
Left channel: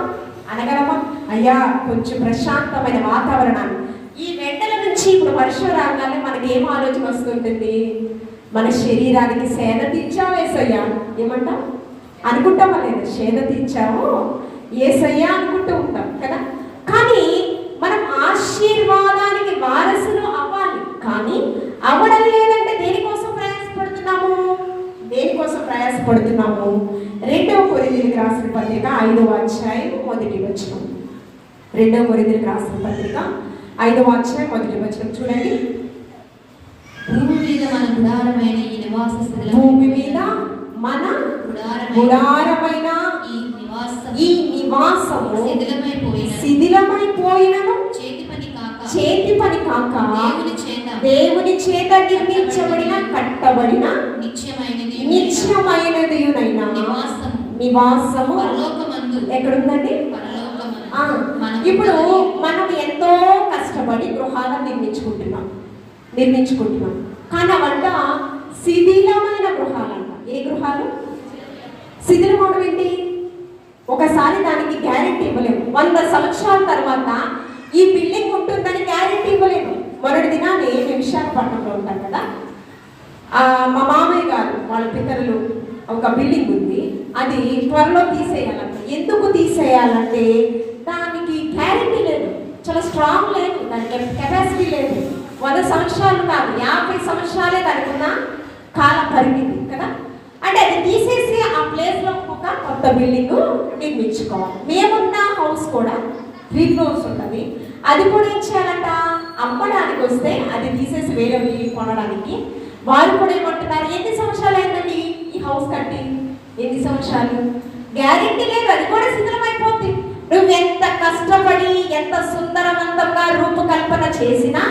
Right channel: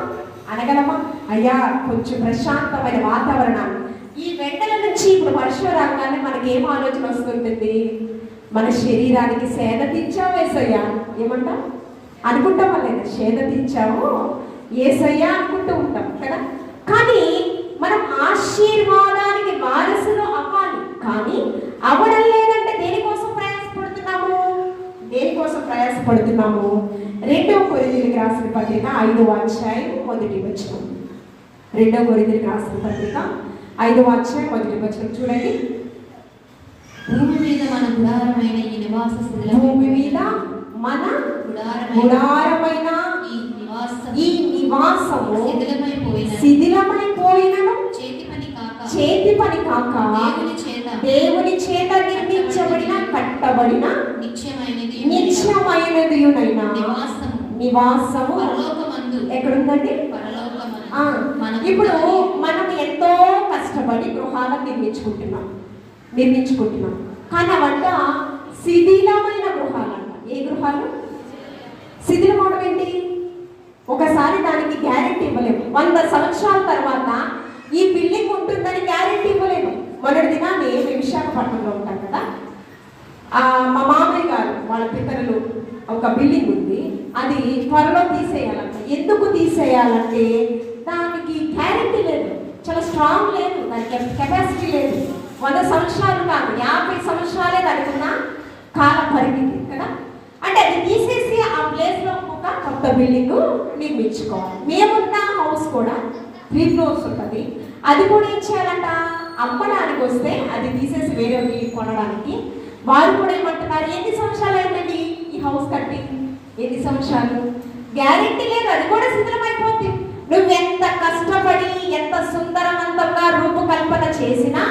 అనగలమా? అయ్యా కొంచెం ప్రశాంతమైన వాతావరణాన్ని. ఈ వెంటల నుంచి ఇప్పుడు వర్షం రాగానే మనకి ఏం ఆలోచన వస్తుంటుంది? మన శరీరానికి సేద తీర్చావు ఏసయ్యా, ఏమంటాం? అనుకుంటామా లేదా? సేద తీర్చావు ఏసయ్యా అనుకుంటూ ఉంటాం కదా. కానీ మనం ఆశీర్వాదానికి వారసులు అవ్వాలి, కానీ అవడం లేదంటే దేనికోసం ప్రయాసపడుతున్నాము? 2వ కొరింథీయులకు రాసిన పత్రిక 5వ అధ్యాయం 1వ వచనం. 2వ కొరింథీయులకు రాసిన పత్రిక 5వ అధ్యాయం 1వ వచనం చూడండి. భూమి మీద మన గుడారమైన ఈ నివాసము శిథిలమైపోయినను చేతి పని కాక దేవుని చేత నిర్మించబడిన, కట్టబడిన నిత్యమైనదియునైనా నివాసము ఎక్కడుందండి? ఇప్పుడు మనం ఎంతో కష్టపడి గృహాలను నిర్మించుకుంటున్నాం కానీ అవంట శిథిలమైన గృహాలంట. ఏ గృహాలు? శిథిలమవడం ఏంటి? ఒకసారి దానికి గ్యారెంటీ ఇవ్వలేము. 100 సంవత్సరాల తర్వాత ఈ బిల్డింగ్ ఉంటుందని గ్యారెంటీ ఇవ్వలేము. మొదటి దినాన్ని మేము విశాఖపట్నంలో ఉంటాం కదా, మా మామయ్య గారు వాళ్ళ పితరులు ఒక బిల్డింగ్ ఉంది, అది త్వరలో తీసేయాలంటే. ఎందుకు తీసేయాలంటే దానికి గ్యారెంటీ లేదు, చాలా స్ట్రాంగ్ లేదు, దానికి కెపాసిటీ లేదు. 100 సంవత్సరాలు కాదు, 50 సంవత్సరాలే దానికి ఉన్న కాల పరిమితి కదా. అంటే అది తీసేసి ఆ ప్లేస్లో ఒక కొత్త బిల్డింగ్ నిర్మించుకోవాలి. మేమున్న హౌస్ కూడా 3 ఫ్లోర్స్ ఉంటుంది. అది కూడా ఏం చేయాలంట? అమ్మడానికి వస్తే అది తీసేసి వేరే కొనడానికి వారు కూడా ఏమంటున్నారు, ఎన్ని సంవత్సరాలు అయిందండి ఈ హౌస్ కట్టి? ఎన్ని సంవత్సరాలు? గ్యారెంటీ లేదు, అది కూడా శిథిలమైపోతుంది. నువ్వు ఎంత కష్టపడి ఎంత సుందరవంతంగా రూపకల్పన చేసినా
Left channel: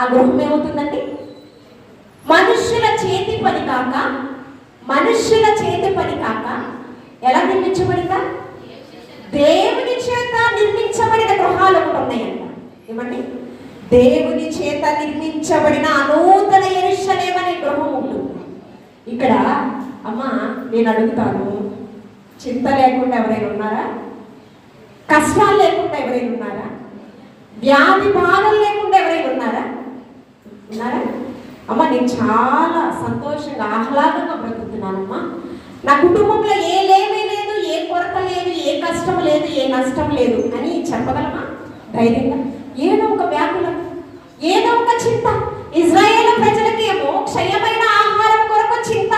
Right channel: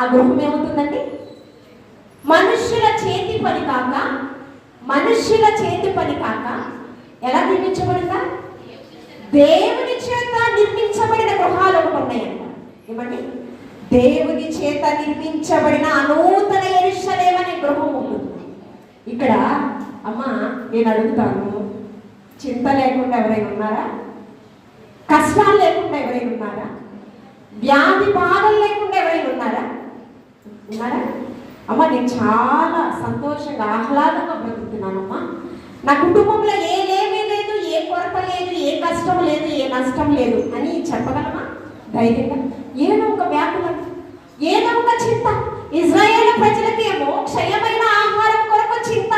ఆ గృహం ఏమవుతుందండి? మనుష్యుల చేతి పని కాక ఎలా నిర్మించబడిందా? దేవుని చేత నిర్మించబడిన గృహాలు ఉన్నాయంట. ఏమండి? దేవుని చేత నిర్మించబడిన నూతన యెరూషలేము అనే గృహం ఉంటుంది. ఇక్కడ అమ్మ నేను అడుగుతాను, చింత లేకుండా ఎవరైనా ఉన్నారా? కష్టాలు లేకుండా ఎవరైనా ఉన్నారా? వ్యాధి బాధలు లేకుండా ఎవరైనా ఉన్నారా? ఉన్నారా? అమ్మ నేను చాలా సంతోషంగా ఆహ్లాదంగా బ్రతుకుతున్నానమ్మా. నా కుటుంబంలో ఏ లేమే లేదు, ఏ కొరత లేదు, ఏ కష్టం లేదు, ఏ నష్టం లేదు అని చెప్పగలమా ధైర్యంగా? ఏదో ఒక వ్యాకులం, ఏదో ఒక చింత. ఇజ్రాయేలు ప్రజలకి ఏమో క్షయమైన ఆహారం కొరకు చింత.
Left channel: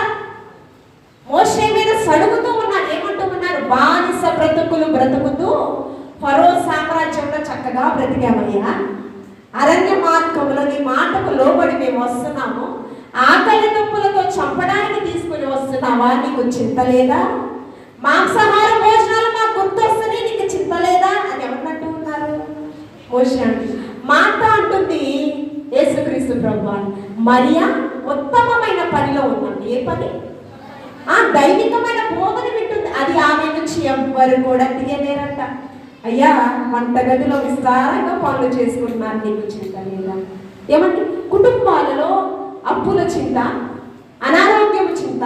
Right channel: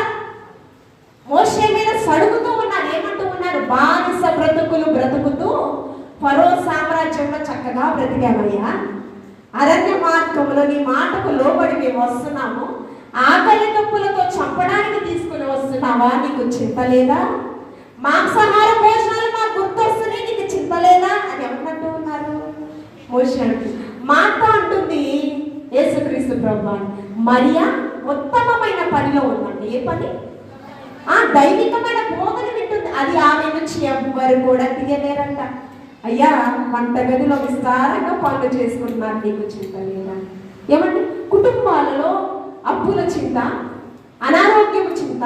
మోషే మీద సడుగుతూ ఉన్నారు, ఏమంటూ ఉన్నారు? బానిస బ్రతుకులు బ్రతుకుతూ ఫరో సామ్రాజ్యంలో చక్కగా బ్రతికామయ్యా. అరణ్య మార్గంలో నీ మాటకు లోబడి మేము వస్తున్నాము. ఆకలి నొప్పులతో చంపడానికి తీసుకుని వస్తున్నావా? నీకు చింత లేదా? మాంసాహార భోజనాలు మాకు గుర్తొస్తుంది, నీకు చింత లేదా అని ఎవరినట్టు ఉన్నారు? మోషే అంటుంది. మాట అంటుంది యేసుక్రీస్తు ప్రభువా, మరియా ఉత్తమమైన పనిలో ఉందండి. ఏ పని? దైవికమైన బోధన వింటుంది. అది ఆమె నుంచి ఎవ్వరు కూడా తీయలేరంట. అయ్యా వంటగదిలో విస్తారంగా పనులు చేసుకుంటున్నారు, నీకు చింత లేదా? ఏమంటే కుటుంబాలలో అప్పుల చింత, అనారోగ్యం చింత,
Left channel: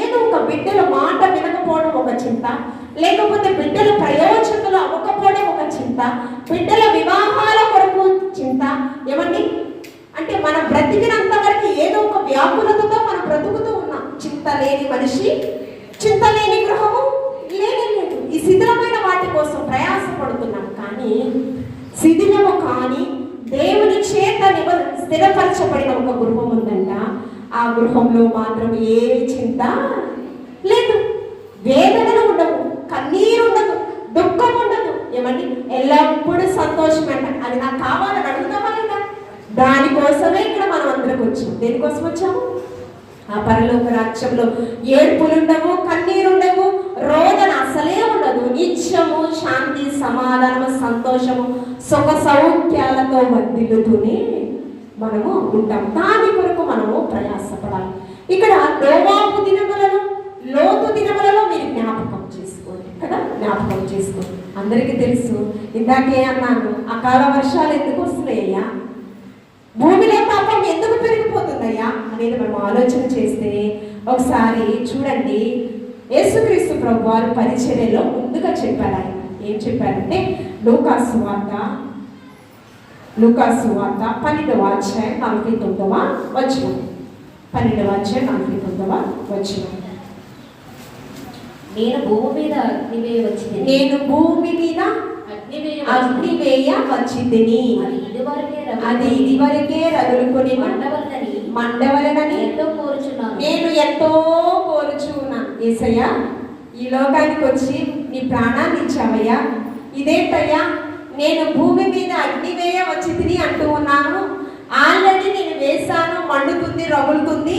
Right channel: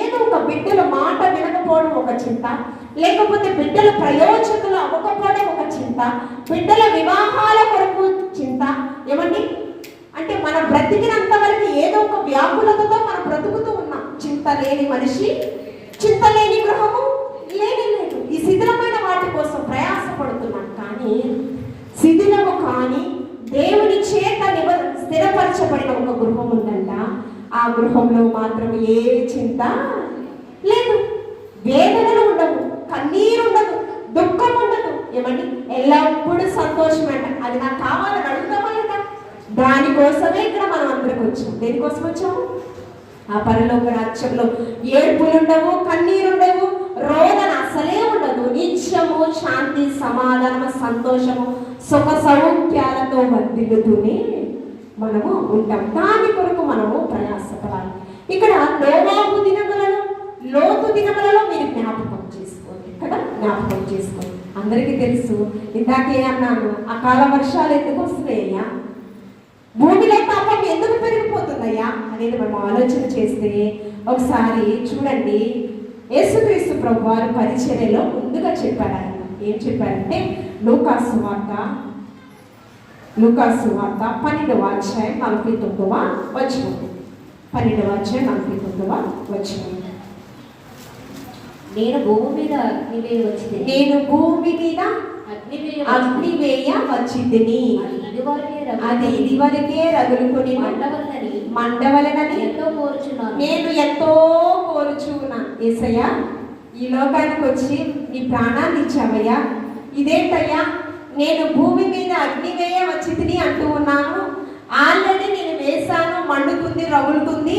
ఏదో ఒక బిడ్డల మాట వినకపోవడం ఒక చింత, లేకపోతే బిడ్డల ప్రయోజకులు అవ్వకపోవడం ఒక చింత, బిడ్డల వివాహాల కొరకు చింత. ఏమండి? అంటే మనం బ్రతికినంత వరకు ఏదో ఒక వ్యాకులతతో మనం బ్రతుకుతూ ఉన్నాం. చింత లేని మనిషి, చింత లేని గృహము లేదు. ఈ శిథిలమైన వాటి కోసం ప్రయాసపడుతున్నాం. కానీ శిథిలము కానీ దేవుని చేత స్థిరపరచబడిన ఒక గృహం ఉందంట. ఆ గృహంలో మాత్రం ఏ చింత లేదు, వేదనలు ఉండవు, కన్నీరు ఉండదు, దుఃఖం ఉండదు. ఏమండి? ఎల్లప్పుడూ సంతోషం అంట. అది నాకు కావాలని అడుగుతామా లేదా? దానికోసమే ఇక్కడ మనం అందరికి వచ్చాం. దేనికోసం వచ్చాము? ఆ పరలోక రాజ్యంలో ఏడుపులు ఉండవు, కన్నీరు ఉండవు, రోదన అసలే ఉండదు. నిత్యము శాంతి, సమాధానము, సంతోషము, సుఖ సౌఖ్యాలతో వర్ధిల్లుతూనే మనము ఉంటాం. దాని కొరకు మనము ప్రయాసపడాలి. ఇక్కడ నోవాహు దినములలో, లోతు దినములలో మీరు జ్ఞాపకం చేసుకోండి కదా, జ్ఞాపకం చేసుకోండి. అందరికీ తెలుసు, ఇందాకే అన్నాను, అకాల వర్షాలు ఎందుకు వస్తున్నాయ్యా, భూమిలో పాపం ఎందుకు పెరిగిపోతుందయ్యా అనేది మనం ఆలోచన చేస్తే ఒకసారి చూడండి. యేసుక్రీస్తు ప్రభువారు పరిచర్యలో ముందుగా చెప్పారు. ఆయన ఏం చెప్పారంటే లూకాసు వార్త 12వ అధ్యాయం 49వ వచనం. 12వ అధ్యాయం 49వ వచనం. నేను భూమి మీద అగ్ని వేయ వచ్చింది, అది ఇదివరకే రగులుకొని మండవలనని నేను ఎంతో కోరుచున్నా. యేసయ్యా, ఈ లోకానికి వచ్చి నీ ప్రాణాన్ని ఇచ్చావయ్యా, ఇదేంటయ్యా నేను భూమి మీద అగ్ని వేయ వచ్చింది అంటూ ఉన్నాను. ఆల్రెడీ నేను వేశాను, మండుతుంది, రగులుతుంది,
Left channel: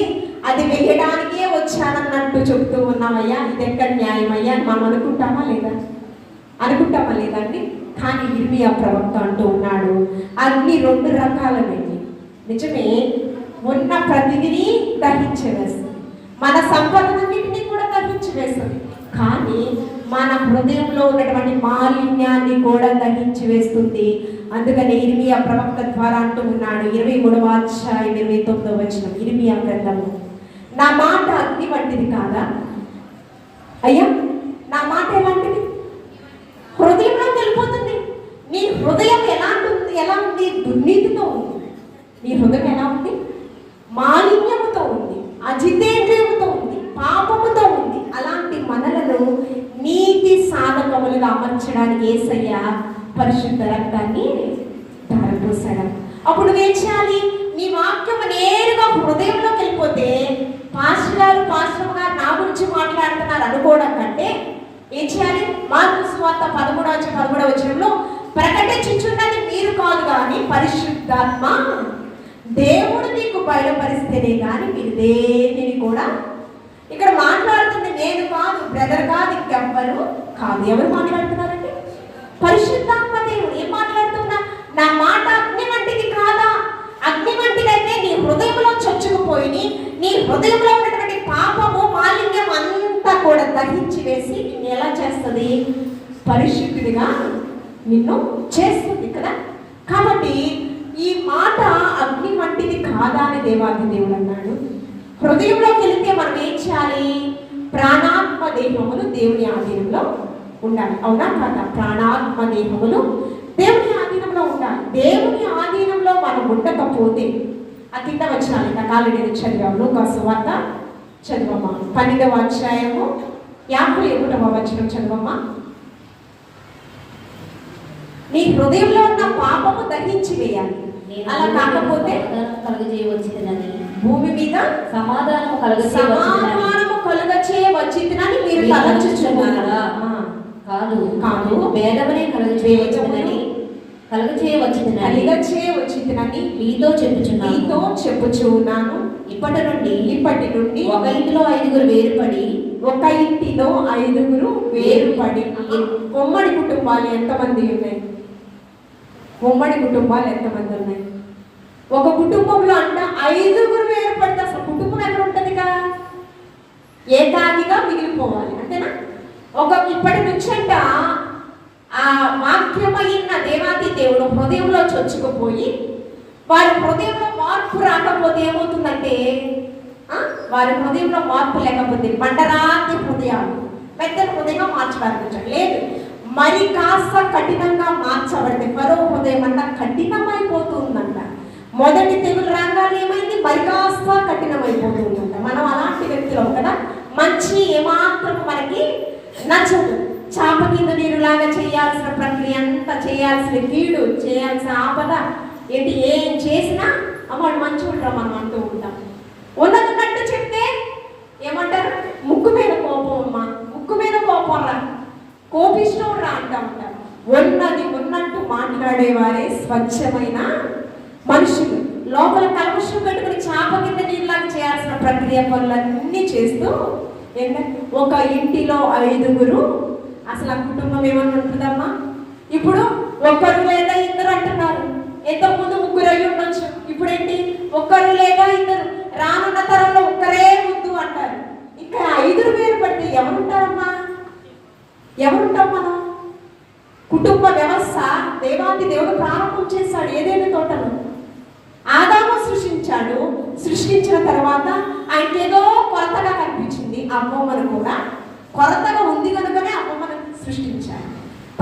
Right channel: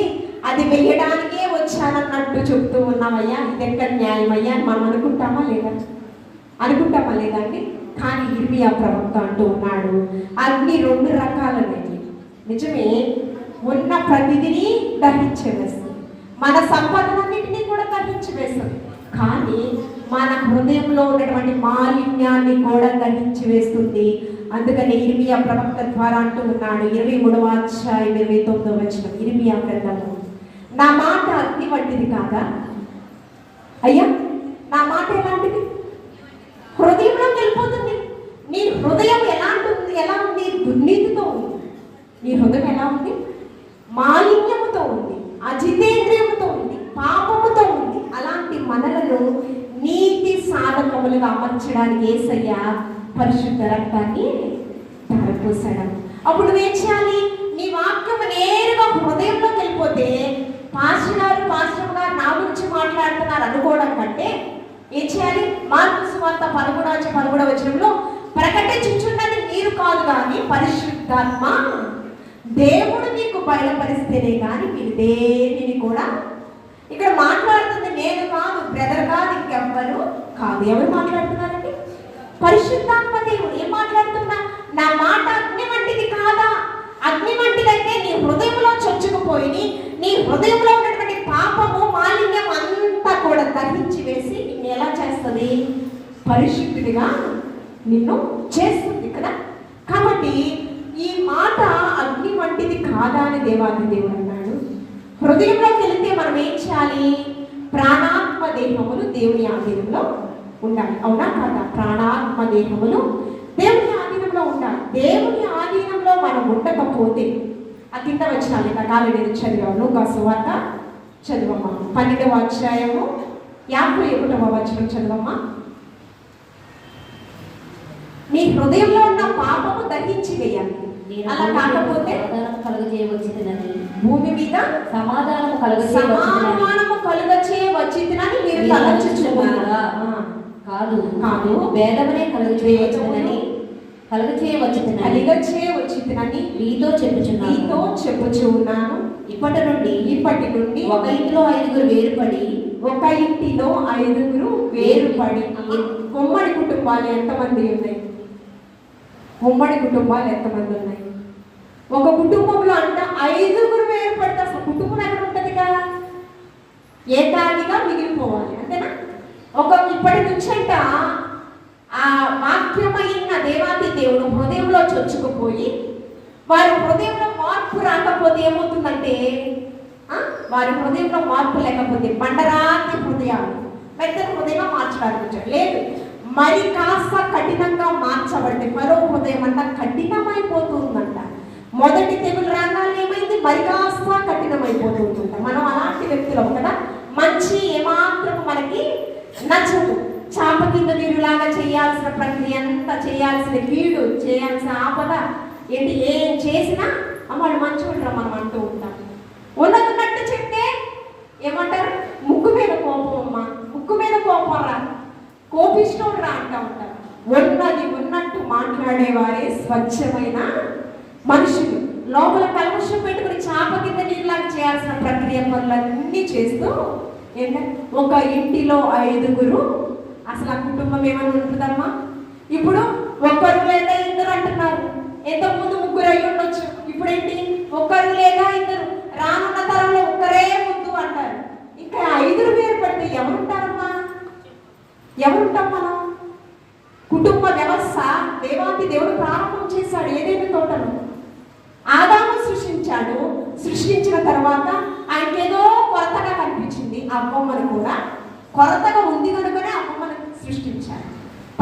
అది వేయడానికే వచ్చానన్నట్టు చెప్తూ ఉన్నామయ్యా. ఇది ఎక్కడ న్యాయమయ్యా అని మనం అనుకుంటామా లేదా? అనుకుంటామా లేదండి? కానీ ఇర్మియా ప్రవక్త అంటూ ఉన్నాడు, అగ్ని 2 రకాలమైనవి. నిజమే, ఉన్న ప్రతిదిని దహించి వేస్తుంది, మన సంపదనన్నింటినీ కూడా దహించి వేస్తుంది. కానీ మన హృదయంలో ఉన్నటువంటి మాలిన్యాన్ని కూడా దహించి వేస్తుంది. అందుకని ఇర్మియా ప్రవక్త ద్వారా అంటూ ఉన్నాడు, 23వ అధ్యాయం 29వ వచనం ఇర్మియా గ్రంథము, నా మాట అగ్ని వంటిది కాదా అయ్యా? నా మాట ఎలాంటిది? హృదయంలో వెళ్ళిపోతుంది. నీ హృదయం ఎలా ఉంది? దుర్నీతితో ఉంది. నీ హృదయం ఎలా ఉంది? మాలిన్యముతో ఉంది, అజితేంద్రియముతో ఉంది, పాపముతో ఉంది. అలాంటి మనలను నీతి సాధకములుగా అమర్చడానికి యేసయ్య పరిశుద్ధ రక్తాన్ని ధారపోసాడు. అప్పుడు ఏం చేయాలి? నీ వాక్యం నేరుగా హృదయంలోకి వెళ్ళిపోతే పాస్టర్ గారు నా గురించి మాట్లాడుతున్నారు అనుకోవడం కంటే ఏం చేయాలి? మార్కు సువార్త 11వ వచనంలో ప్రకటించుచున్నది మీరు కాదు కానీ పరిశుద్ధాత్మ దేవుడు మీకు బయలుపరిస్తేనే కానీ మీరు దేనిని కూడా. ఇక్కడ మాట్లాడుతుంది నేను కాదు, బ్రదర్ కాదు, ఇంకెవ్వరు కాదు. ఎవరు మాట్లాడుతున్నారండి? పరిశుద్ధాత్మ దేవుడు. ఏం మాట్లాడుతున్నా? నా మాట అగ్ని వంటిది కాదా? అగ్ని వంటిదైతే నీ హృదయంలో చొచ్చుకుపోయి నీ హృదయంలో ఉన్నటువంటి పాపము, మాలిన్యం అంతా కూడా దహించి వేసి నిన్ను ఎలా చేస్తుంది? పరిశుద్ధుడిగా నిన్ను చేస్తుంది. కదా. కాబట్టి ఈ మాట అగ్ని వంటిది కాదా అని దేవాది దేవుడు అన్నాడు. హృదయంలోకి వెళితే మనం ఏం చేయాలి? ప్రాణాత్మ దేహములు దేవుని ఆధీనంలో ఉండాలి. అవునా కాదా? ప్రాణాత్మ దేహములు దేవుని ఆధీనంలో ఉండాలి. దేవుని ఆధీనంలో మనం ఉండకపోతే ఆ కింద వచ్చినాలి రకాలు నేను చదివాము. లూకాసు వార్త చదవమ్మా 12వ అధ్యాయము 51వ వచనం చదవమ్మా. నీ హృదయంలో ఉన్న పాపము దహించి వేయాలి. అలా కాకపోతే కలుగజేయవచ్చునని భూమి మీద సమాధానము కలుగచే వచ్చిందని మీరు తలంచుచున్నారా? కాదు కాదు, వేదమునే కలుగజేయవచ్చునని వచ్చిందని మీతో చెప్పుచున్నాను. ఇప్పటి నుండి ఒక ఇంటిలో ఐదుగురు వేరుపడి ఉమ్మడి కుటుంబాలు ఎంతమంది ఉన్నాయి? ఉమ్మడి కుటుంబాలు ఎంతమంది ఉన్నాయి? ఒక కుటుంబంలో అంట 5గురు వేరుపడితే అసలు కుటుంబం ఎక్కడ ఉంటదిగా? ఏకాగిగా మిగిలిపోవాలి అంతేనా? ఇప్పటి నుంచి అంట ఆ వాక్యమైన దేవాది దేవుడు హృదయంలో చొచ్చుకుపోయి వారి హృదయంలో మార్పు రాకపోతే ఏమవుతుందంటే, వారి హృదయంలో మార్పు లేకపోతే బండరాతి హృదయాలు పెద్ద హృదయంగా మార్చడానికి లేదు, మరి కాస్త కఠినంగా మార్చబడింది. మరో హృదయం అంట కఠినమైపోతుందంట. మొదటి తెగులు రంగాలు ఏమైంది? మరి కాస్త కఠినమైపోతుందంట. మనం అలాంటి వ్యక్తులం కదా. మంచి ఏమాత్రం మనకి నచ్చదు. చాప కింద నీరులాగా చేయాల్సిన ప్రక్రియ అంతా, చేయాల్సిన కీడు, చేయాల్సిన ఆపద ఏంటి ఏం చేసినా వాళ్ళు మంచిగా మనం అంటూ ఉంటాం. ఉన్నట్టు చెప్తే ఏమంటారు? ముక్కు మీద కోపం అమ్మా, ముక్కు మీద కోపం రా, కోపిష్టం రా అంటూ ఉంటారు. ఉన్నది ఉన్నట్టు మాట్లాడేవారే స్వచ్ఛమైన మనుషులు. లోపల కలుషం పెట్టుకుని చాప కింద నీళ్ళలాగా చేయాల్సిన ప్రక్రియ పనులన్నీ చేస్తూ ఏంటంటే ఒక ఇంటిలో 5గురు, అసలు ఆ కుటుంబం ఏమన్నా ఉంటుందమ్మా? ఇప్పుడు ఒక్కరు లేదా ఇద్దరు అంటున్నారు. ఎంతకుముందు 3 అయ్యి ఉండొచ్చు. ఇప్పుడు ఏంటి? ఒక్కరు లేదా ఇద్దరు. రానున్న తరంలో ఒక్కరే ముద్దు అంటారు. ఇంకా 5 వేరు పడితే ఎవరుంటారమ్మా? ఎవరుంటాం మనం? కుటుంబ వ్యవస్థ దేవాది దేవుడు ప్రారంభం చేశాడు ఏదైనా తోటను. ఆదాము సృష్టించాడు. సృష్టించిన తర్వాత ఆయనకేదో కొరతగా కనిపించింది. అమ్మమ్మను కూడా కొరతగా ఉంది కనుకనే అమ్మమ్మను సృష్టించాడు.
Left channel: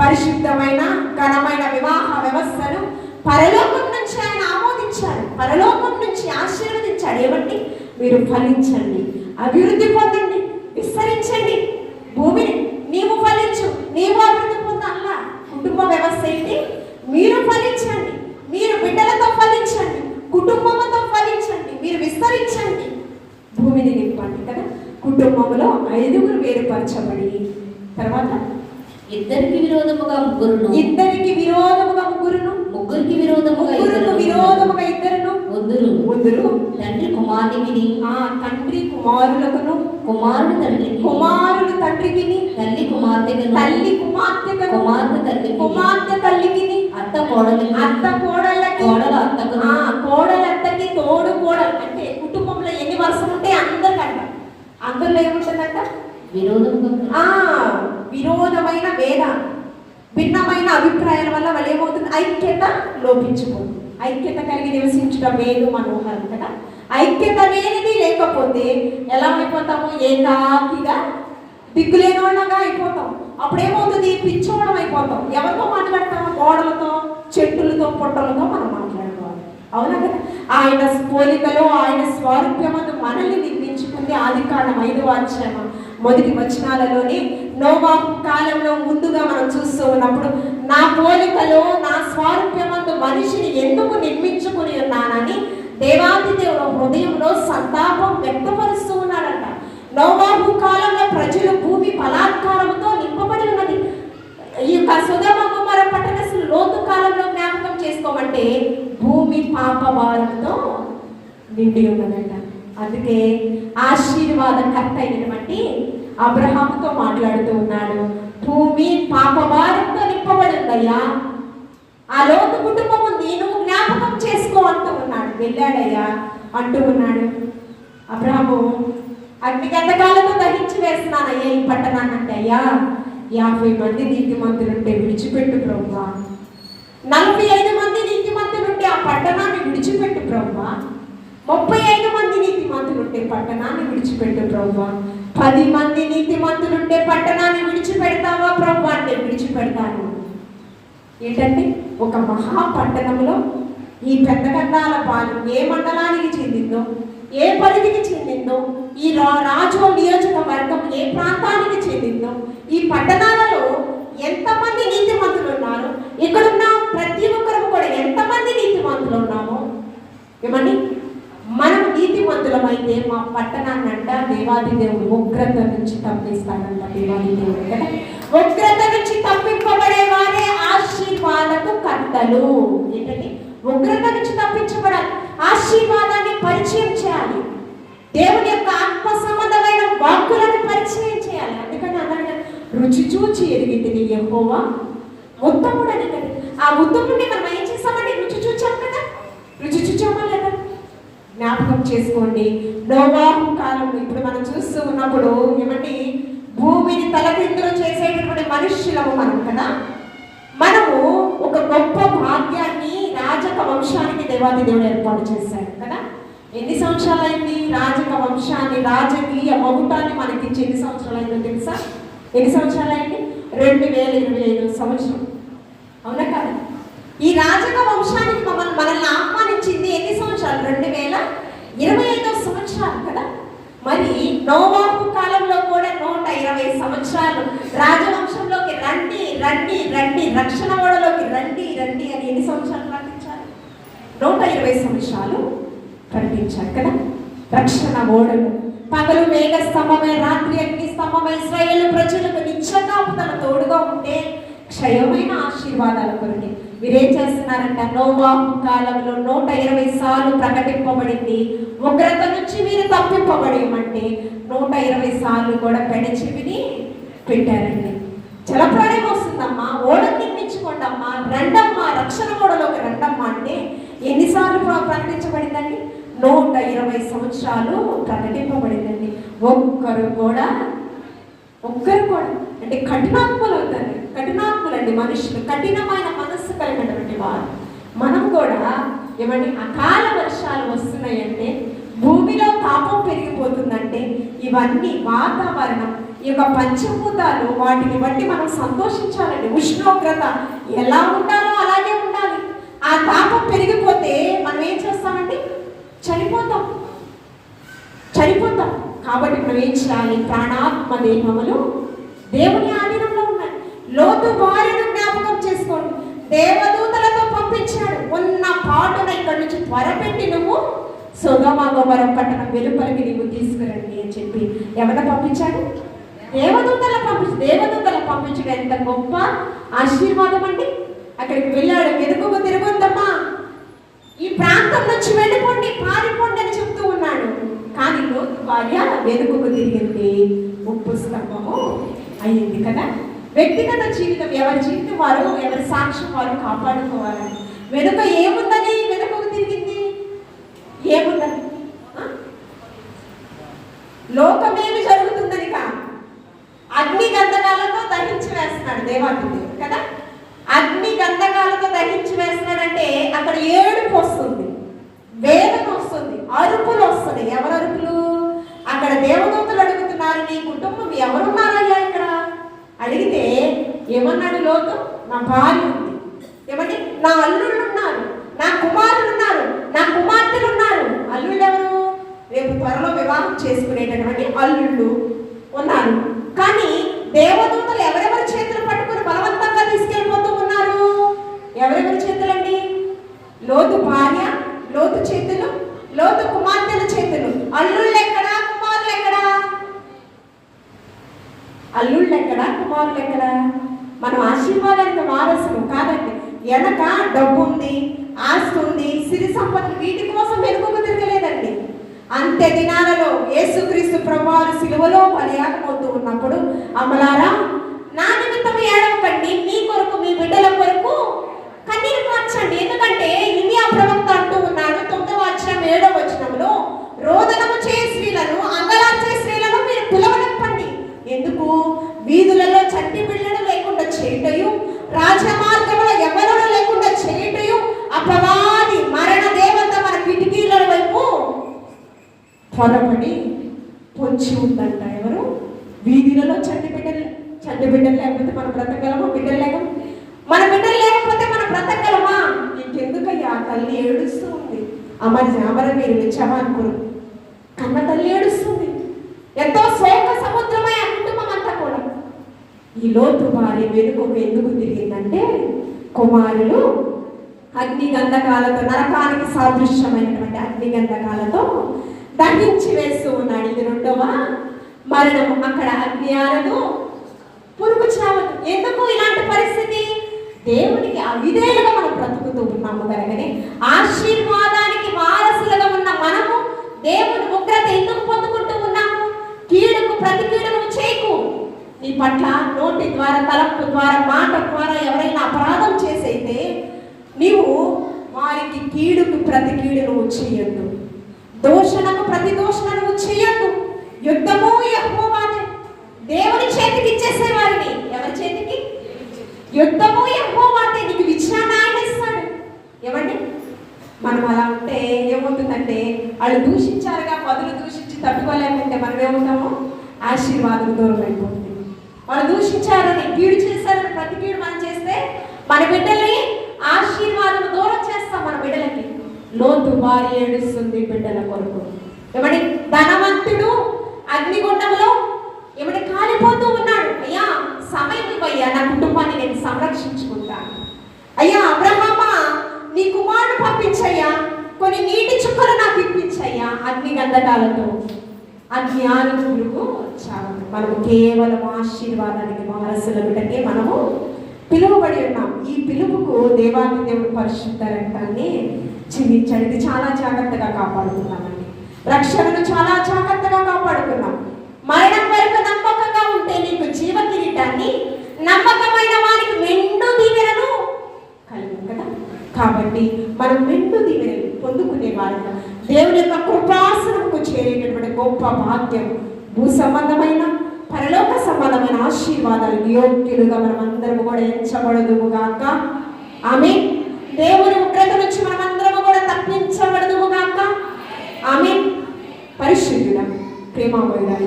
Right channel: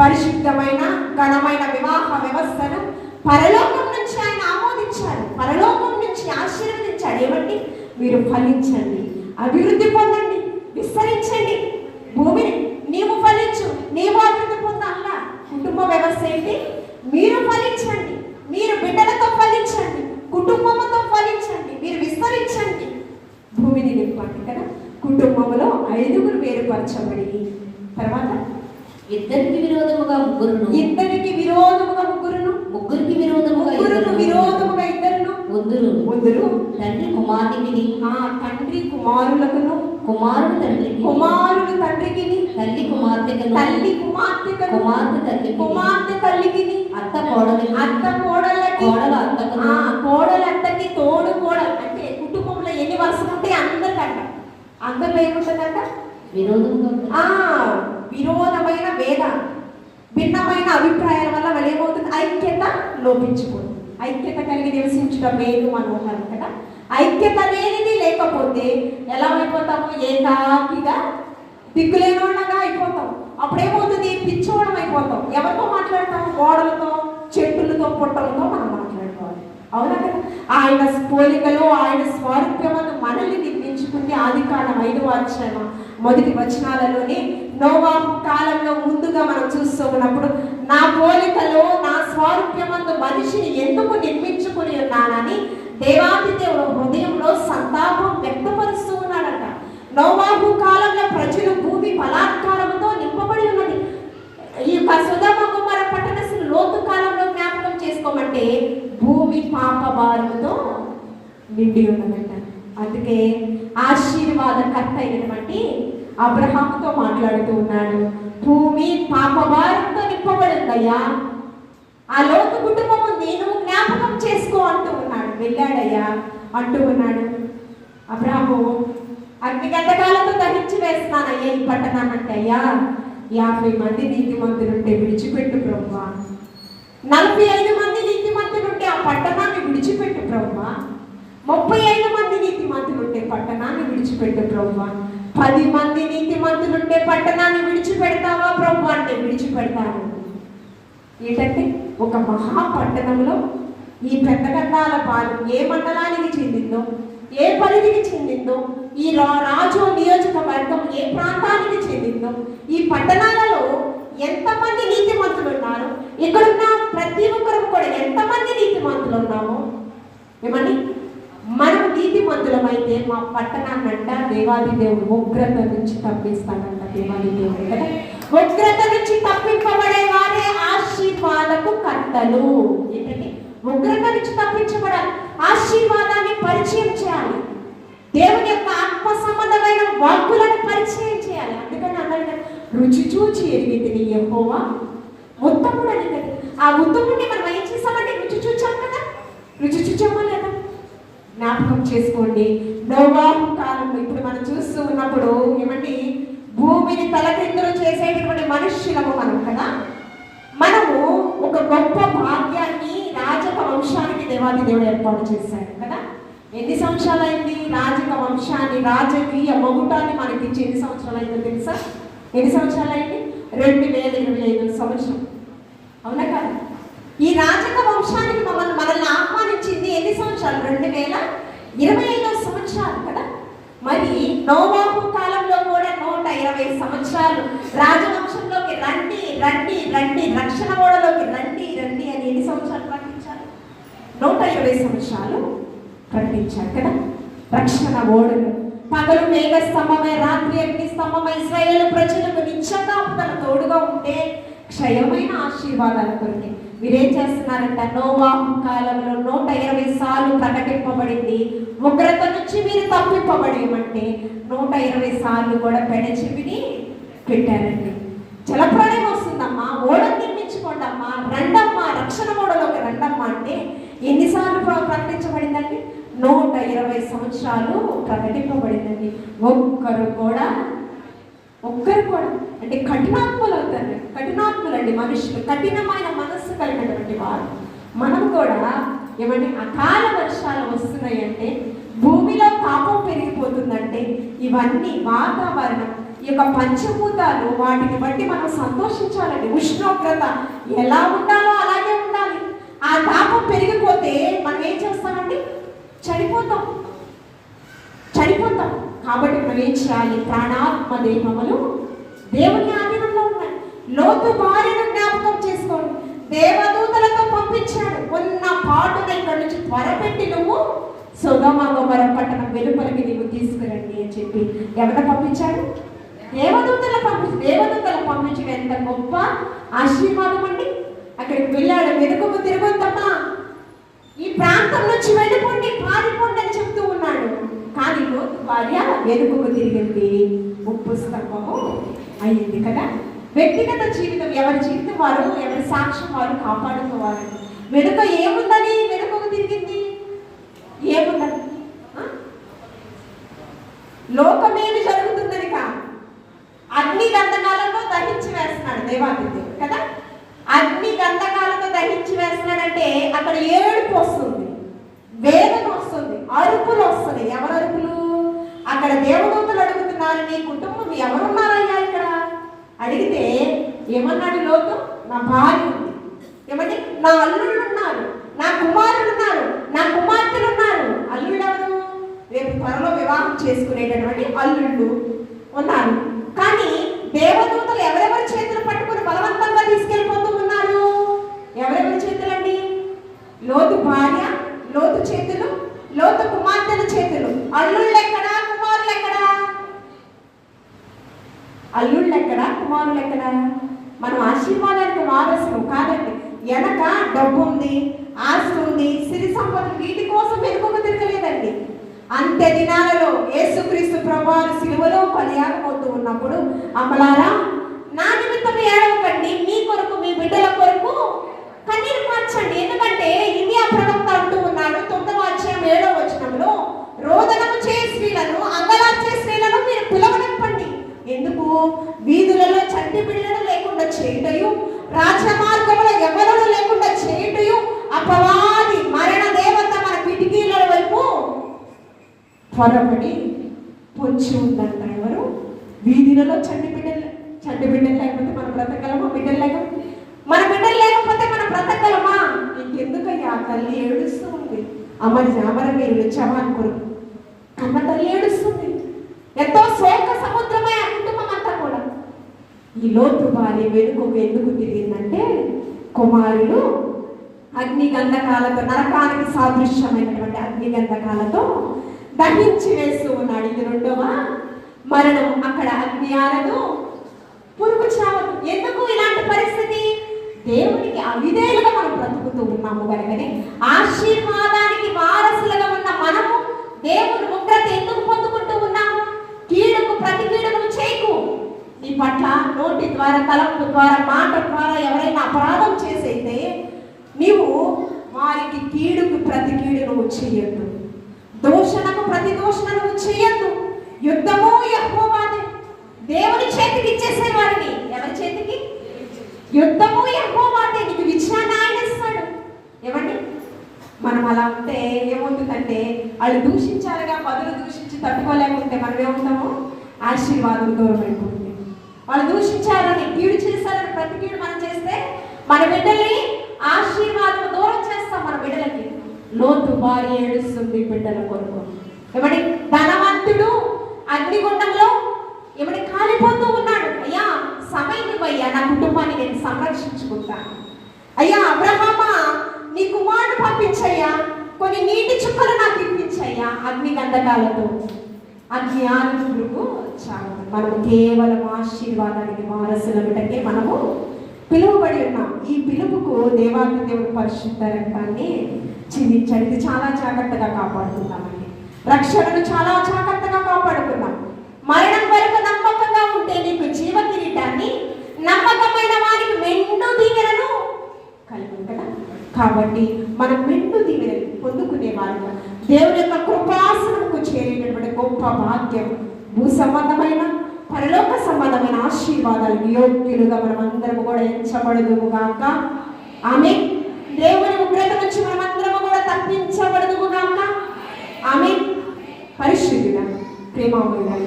పరిశుద్ధమైన ఘనమైన వివాహ వ్యవస్థను పరలోకం నుంచి ఆయన ఆమోదించాడు. పరలోకం నుంచి ఆశీర్వదించాడు. ఏమండి? మీరు ఫలించండి, అభివృద్ధి పొందండి, విస్తరించండి భూమిని. నీవు ఫలించు, నీవు అభివృద్ధి పొందాలా. కుటుంబ వ్యవస్థ ఏంటి? మీరు ఫలించండి, మీరు బిడ్డలతో ఫలించండి, కుటుంబంతో ఫలించండి, మీరు విస్తరించండి, భూమిని నింపండి కదా. కుటుంబంలో 5గురు వేరుపరచబడి తర్వాత ఇద్దరికి విరోధముగా ముగ్గురును, ముగ్గురికి విరోధముగా ఇద్దరును తండ్రి కుమారుడికి, తండ్రి కుమారులకును, కుమారుడు తండ్రికి, తల్లి కుమార్తెకు, కుమార్తె తల్లికి, అత్త కోడలికి, కోడలు అత్తకి, తోడు కోడలు. అంటే కుటుంబంలో ఎన్ని వరుసలు ఉంటే అందరికంట. అందరిలో ఏముంటుందంట? విరోధమైన భేద, భిన్నమైన అభిప్రాయాల వల్ల వాళ్ళు ఏమవుతుంది? ఐక్యత లోపించుకోండి. ఐక్యత కలిగి నివసించడం వేరు మనం ఉన్నాం కదా. ఐక్యత అనేది లేకపోతే ఎలా అయిపోతాము? ఏకాకిగా దిక్కులేని వాళ్ళగా అయిపోతాం. అప్పుడేమవుతుంది? పిచ్చోడం అయిపోతాం. ఎవరితో మాట్లాడతాము? గోడలతో, చెట్టులతో, పొట్టలతో మనం మాట్లాడుకోవాలి. అవునా కదా. ఆయన పోలికలో ఆయన స్వారూప్యమందు మనల్ని నిర్మించుకుంది. ఆదికాండం 5వ అధ్యాయం మొదటి వచనాలలోని నోవాహు కాలంలో ముందుగా మనం చూస్తూ ఉన్నప్పుడు, నా పోలికలో నా స్వారూప్యమందు మనిషిని ఎందుకు నిర్మించుకుని ఉన్నానని దేవాది దేవుడు హృదయంలో సంతాపం వ్యక్తపరుస్తూ ఉన్నాడట. నోవాహు కాలంలో ప్రజలు భూమి బలాత్కారంతో నింపబడి ఉన్నది. ఈ యొక్క సొదొమ గొమొర్రా పట్టణస్థులు లోతు కాలంలో జ్ఞాపకం చేసుకోమంటే భూమి పాప భారంతో నిండి ఉన్నదట. అందుకే ఆశీర్వాదకర్త అయినటువంటి అబ్రహాముతో మాట్లాడుతూ ఉన్నాడు. భూమి పాప భారంతో నింపబడి ఉందయ్యా, ఆ లోతు కుటుంబం నేను జ్ఞాపకం చేసుకో అంటూ ఉన్నాడు. వెళ్ళాడయ్యా అంటూ ఉన్నాడు. అబ్రహాము అగ్నిగంధకాలతో దహించి వేస్తున్నానయ్యా ఈ పట్టణాన్ని అంటే, అయ్యా 50 మంది నీతిమంతులుంటే విడిచిపెట్టు ప్రభువా, 45 మంది నీతిమంతులుంటే ఆ పట్టణాన్ని విడిచిపెట్టు ప్రభువా. 35 మంది నీతిమంతులుంటే పట్టణాన్ని విడిచిపెట్టు ప్రభువా. 10 మంది నీతిమంతులుంటే పట్టణాన్ని విడిచిపెడతావా ప్రభు అంటే విడిచిపెడతాను. ఏంటంటే ఒక మహాపట్టణంలో ఈ పెద్ద గంగాల పాలు ఏ మండలానికి చెందిందో, ఏ పరిధికి చెందిందో, ఈ రాజు నియోజకవర్గం ఏ ప్రాంతానికి చెందిందో, ఈ పట్టణాలలో ఎంతమంది నీతిమంతులు ఉన్నారు, ఇక్కడున్న ప్రతి ఒక్కరు కూడా ఎంతమంది నీతిమంతులు ఉన్నామో ఏమని మనం నీతిమంతులమైతే మా పట్టణాన్ని అంట దేవాది దేవుడు ఉగ్రత నుంచి తప్పిస్తాడంట. దేవాది దేవుడు కదా, ఉగ్రత నుంచి తప్పింపబడే వారే ఆశీర్వాదకు కర్తలు. ఏంటంటే ఉగ్రత నుంచి తప్పించబడాలి, ఆశీర్వాదాన్ని పరిచయం చేయాలి, దేవుని యొక్క ఆత్మ సంబంధమైన వాక్కులను పరిచయం చేయాలి. అందుకని అన్నాడు రుచి చూచి ఎరిగితిని యెహోవా ఉత్తముడు అని. ఆ ఉత్తముడిని మనం ఏం చేస్తామంటే రుచి చూచాం కదా, రుచి చూచామా లేదా జ్ఞాపకం చేసుకోండి. నోవాహు కాలంలో ఇప్పుడు మనం చూస్తూ ఉన్నప్పుడు ఏమంటే భూమిని తలకిందులు చేసేటటువంటి మనుష్యులము మనం కదా. మనము ఒక గొప్ప భాగ్యాన్ని రాజక వంశానికి దేవాది దేవుడు ఏర్పాటు చేశాడు కదా. ఎన్ని సంవత్సరాలు అయింది రాజక వంశాన్ని, రాజకీయ మగుటాన్ని మనకి ఇచ్చి ఎన్ని సంవత్సరాలు అయిందో తెలుసా? ఎన్ని సంవత్సరాలు అయింది? 2025 సంవత్సరం. అవునా కాదు? ఈ రాజక వంశానికి మనల్ని ఆహ్వానించింది ఎన్ని సంవత్సరాలు? 2025 సంవత్సరాలు కదా. మరి నోవాహు కాలంలో కూడా 120 సంవత్సరాలు రాజవంశంలోకి రండి రండి రండి, రక్షణ ఓడలోకి రండి రండి అని ఎన్ని సంవత్సరాలు ప్రకటించారు? 120 సంవత్సరాలు ప్రకటించారు కదా. రక్షణ ఓడలు పగలు మేఘ స్తంభమై రాత్రి అగ్ని స్తంభమై ఇశ్రాయేలు ప్రజలకు నిత్యంగా తన తోడుగా ఉంటే క్షయమైన ఆశీర్వాదాల కొరకు మీరేం చేస్తున్నారంట? నోవాహు కాలంలో 120 సార్లు ప్రకటింపబడింది ఉగ్రత నుంచి మీరు తప్పింపబడి అంటే 120 సార్లు కూడా పెడచెవిని పెట్టారండి. జలప్రాణం వస్తుందమ్మా, ఓడని నిర్మించుకోండి అమ్మా, రండమ్మా, రక్షణ ఓడలోకి రండమ్మా అంటే ఎన్నిసార్లు ప్రకటించబడిందండి? 120 సంవత్సరాలు ప్రకటింపబడిందండి. ఒక్కరు కూడా అంటే కఠినాత్ములు అవుతారు, కఠినాత్ములండి మనుషులు, కఠినమైన మనస్సు కలిగినటువంటి వారు. మనం కూడా ఏమంటే అకాల వర్షాలు వస్తున్నాయంటే, భూమిలో తాపం పెరిగిపోతుందంటే ఇవన్నీ వాతావరణం, ఈ యొక్క పంచభూతాలు వాటిని బట్టి మనం సంతోషించాలండి. ఉష్ణోగ్రత ఎలా ఉండాలో అలాగే ఉండాలి. ఆ తాపం పెరిగిపోతే మనం ఏం చేస్తామండి? చనిపోతాం. కాబట్టి మనం ఏం చేయాలి? ప్రాణాత్మ దేహములు దేవుని ఆధీనంలో ఉన్నాయి. లోతు భార్యను జ్ఞాపకం చేసుకోండి. దేవదూతలతో పంపించాడు, ఉన్న పాటున ఇక్కడ నుంచి త్వరపెట్టి నువ్వు సొదొమ గొమొర్రా పట్టణం వెలుపలికి నీవు తీసుకురండి అని చెప్పి ఎవరు పంపించాడు? దేవదూతల పంపించడం ఎంత గొప్ప ఆశీర్వాదం అండి. అక్కడికి వెళ్ళాడు, వెనుకకు తిరగొద్దమ్మా, ఈ ప్రాంతం నుంచి వెళ్ళిపోండి, పారిపోండి అని చెప్తూ ఉన్నాడు. కానీ లోతు భార్య వెనుకకు తిరిగింది, ఉప్పు స్తంభము అయింది కదా. వ్యక్తిగత జీవితం ఎవరి జీవితం వారు, ఎవరి సాక్ష్యం వారు కాపాడుకోవాలి. వెనుక ఏముందని వెనుకకు తిరిగింది? ఏముందని? లోకమేమి జరుగుతుందని కాదు, అగ్ని గంధకాలతో దహించి వేస్తున్నాడు దేవాది దేవుడు కదా. అగ్ని గంధకాలతో దహించి వేస్తున్నాడంటే అక్కడ ఏడుపు వస్తుంది, వేదన వస్తుంది, అరుపులు వస్తుంది. ఎవరు అరుపులు? అక్కడ దేవదూతలు అడుగుతున్నారు, నీ కుటుంబం ఎవరున్నారయ్యా ఇక్కడ అడిగితే ఏమన్నాడు లోతు? నా భార్య ఉంది, ఏమంటే నా అల్లుళ్ళు ఉన్నారు, నా కుమారులు ఉన్నారు, నా కుమార్తెలు ఉన్నారు. అల్లుళ్ళు ఎవరు? రేపు త్వరలో వివాహం చేసుకునేటటువంటి అల్లుళ్ళు ఉన్నారు. కానీ దేవదూతలు ఎవరెవరి చేతులు పట్టుకుని బలవంతంగా తీసుకెళ్ళిపోతూ ఉన్నారు? ఎవరెవరి చేతులండి? లోతు భార్య, లోతు చేతులు, లోతు కుమార్తెల చేతులు. అల్లుళ్ళు ఎక్కడా? కుమారులు ఎక్కడా? అల్లుళ్ళు ఎక్కడా? కుమారులు ఎక్కడా? మనం ఆశీర్వాదానికి వారసులు కాదండి. వెనక డబ్బు ఉంది, ఆస్తి ఉంది, సిరి సంపదలు, వీటి కోసం వెనుకకు తిరగలేదండి. అంత్య దినాలలో యేసుక్రీస్తు ప్రభువారు సిలువలో బలియాగం అవుతూ ఉన్నప్పుడు, అమలారా నా నిమిత్తం ఏడవకండి, మీ కొరకు మీ బిడ్డల కొరకు కన్నీరు కార్చండి. ఎందుకంటే ఇర్మియా ప్రవక్త అంటూ ఉన్నాడు 9వ అధ్యాయం 7వ వచనంలో, రోదనము చే స్త్రీలను, అంగలార్చే స్త్రీలను మీరు పిలవనప్పండి. ఎందుకు? వీధులలో చంటి బిడ్డలు లేకుండా చేయటయు, రాజమార్గంలో ఎవరూ లేకుండా చేయుటయు అపవాది మరణ దేవత మన కిటికీల వైపు పొరపడి పొంచి ఉందంట. ఎవరు? వీధులలో చంటి బిడ్డలు లేకపోతే మనం బ్రతకగలమా? బిడ్డలు లేక మన బిడ్డలు లేకపోతే మనం బ్రతకగలమా? ఇంకెందుకయ్యా తల్లి ఏడుస్తూ ఉంది. అమరవీరులు జవాన్పురు కన్న తల్లి ఏడుస్తుంది. ఎంతో శోక సముద్రమై ఆ కుటుంబం అంతా కూడా. ఈ లోతు భార్య వెనుక ఎందుకు తిరిగిందంటే కుమారులు అగ్ని గంధకాలతో, నరకానికి సాదృశ్యమైనటువంటి అగ్ని గంధకాలతో దహించి వేస్తూ ఉన్నాడు. ఇది రెండవ మరణం. అక్కడ అగ్ని ఆరదు, పురుగు చావదు. ఎందుకు ఇలాంటి పరిస్థితి? దేవునికి అవిధేయులుగా మనం బ్రతుకుతూ ఉన్నాము కనుకనే ఆశీర్వాదానికి వారసులుగా ఉన్న మనము దేవుని ఉగ్రత ఎందుకు పొందుకుంటూ ఉన్నాము? కీడుకు ప్రతి కీడును చేయకు. నీ పట్ల నోటి ద్వారా, తలంపు ద్వారా, మాట ద్వారా ఎవరైనా అపరాధం చేసైతే నీవు వారికి కీడుకు ప్రతి కీడు నువ్వు చేయొద్దు. దోషణకు ప్రతి దోషణ నువ్వు చేయొద్దు. యుద్ధము యెహోవాదే. దేవుని చేతికి ఇచ్చేసే వారిని. ఎవరి చేతికి? యుద్ధము యెహోవాదే. నీకు విజయాన్ని ఆయన ఇస్తాడు. ఏమండి, మనం అలా ఉంటే ఏమవుతుందంటే వాళ్ళు దూషించారుగా, పదులు దూషించి తట్టుకోలేకుంటే మనం ఏమవుతాము? ఆశీర్వాదం దూరం అయిపోతుంది. వాళ్ళు దూషించారని, కీడు చేశారని ప్రతి కీడు మనం చేస్తే మన బిడ్డల్ని ఆశీర్వాదం దూరం చేస్తాం మన బిడ్డలకి. లోతు భార్య ఏడుస్తుంది బిడ్డల కొరకు. ఏమండి, ధనవంతుడు అగ్నిగుండంలో ఏమంటే కాలిపోతూ ఉన్నాడు. అయ్యా సమయం ఇవ్వయ్యా, నా కుటుంబాన్ని నేను సంరక్షించుకుంటాను. అయ్యా అబ్రహామా, నీ కుమారుడు పంపించయ్యా, కొన్ని నీటి చుక్కలు నాకు ఇప్పించయ్యా. అగ్ని గంధకాలతో అగ్ని ఆనుకు చాలు. మనము కేవలం ఆశీర్వాదానికి వారసులకే మనము పిలువబడి ఉన్నాం. ఈ పిలుపుకు దేవాది దేవుడు పరిశుద్ధ రక్తాన్ని చిందించాడు. ఇది చాలా జాగ్రత్తగా కాపాడుకున్నామండి. రక్షణను చాలా జాగ్రత్తగా కాపాడుకున్నాం. మరణం వరకు నమ్మకంగా ఉంటే నీకు జీవ కిరీటాన్ని, నమ్మకమైన వారికి మెండు దీవెనను కలిగి కదా. కాబట్టి మనం మెండు దీవెనలు పొందుకునే వారిగా దేవుని యొక్క కృపాసనకు చేరేటటువంటి గొప్ప భాగ్యం, భూ సంబంధమైన పరలోక సంబంధమైన ఆశీర్వాదాలు యోగ్యులుగా మనం అందరం కూడా ఎంచబడదుముగాక. ఆమేన్. దేవుని ఉగ్రత నుంచి మనం అందరం కూడా తప్పించబడదుముగాక. ఆమేన్. పరిశుద్ధుడా, ప్రేమమయుడా,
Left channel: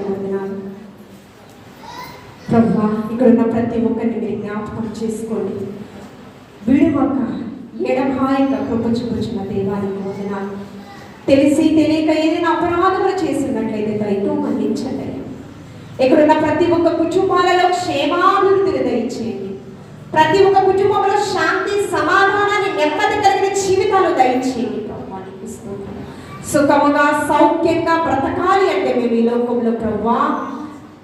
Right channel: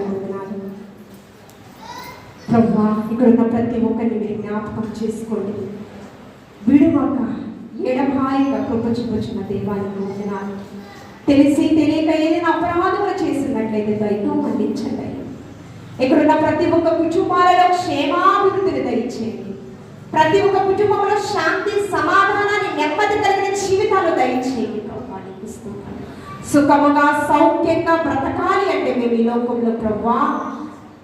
ప్రభువా, ఇక్కడ ఉన్న ప్రతి ఒక్కరిని మీరు జ్ఞాపకం చేసుకోండి. విడువక ఎడబాయిగా కృప చూపుచున్న దేవాలయం వందనాలు. తెలిసి తెలియక ఏదైనా అపరాధములు చేసినట్లయితే దయతో మన్నించండి. ఇక్కడున్న ప్రతి ఒక్క కుటుంబాలలో క్షేమాభివృద్ధిని దయచేయండి. ప్రతి ఒక్క కుటుంబంలో శాంతి, సమాధానాన్ని, నెమ్మది కలిగిన జీవితాలు దయచేయండి. సుఖముగా సౌఖ్యంగా బ్రతకాలి అంటే మేము ఈ లోకంలో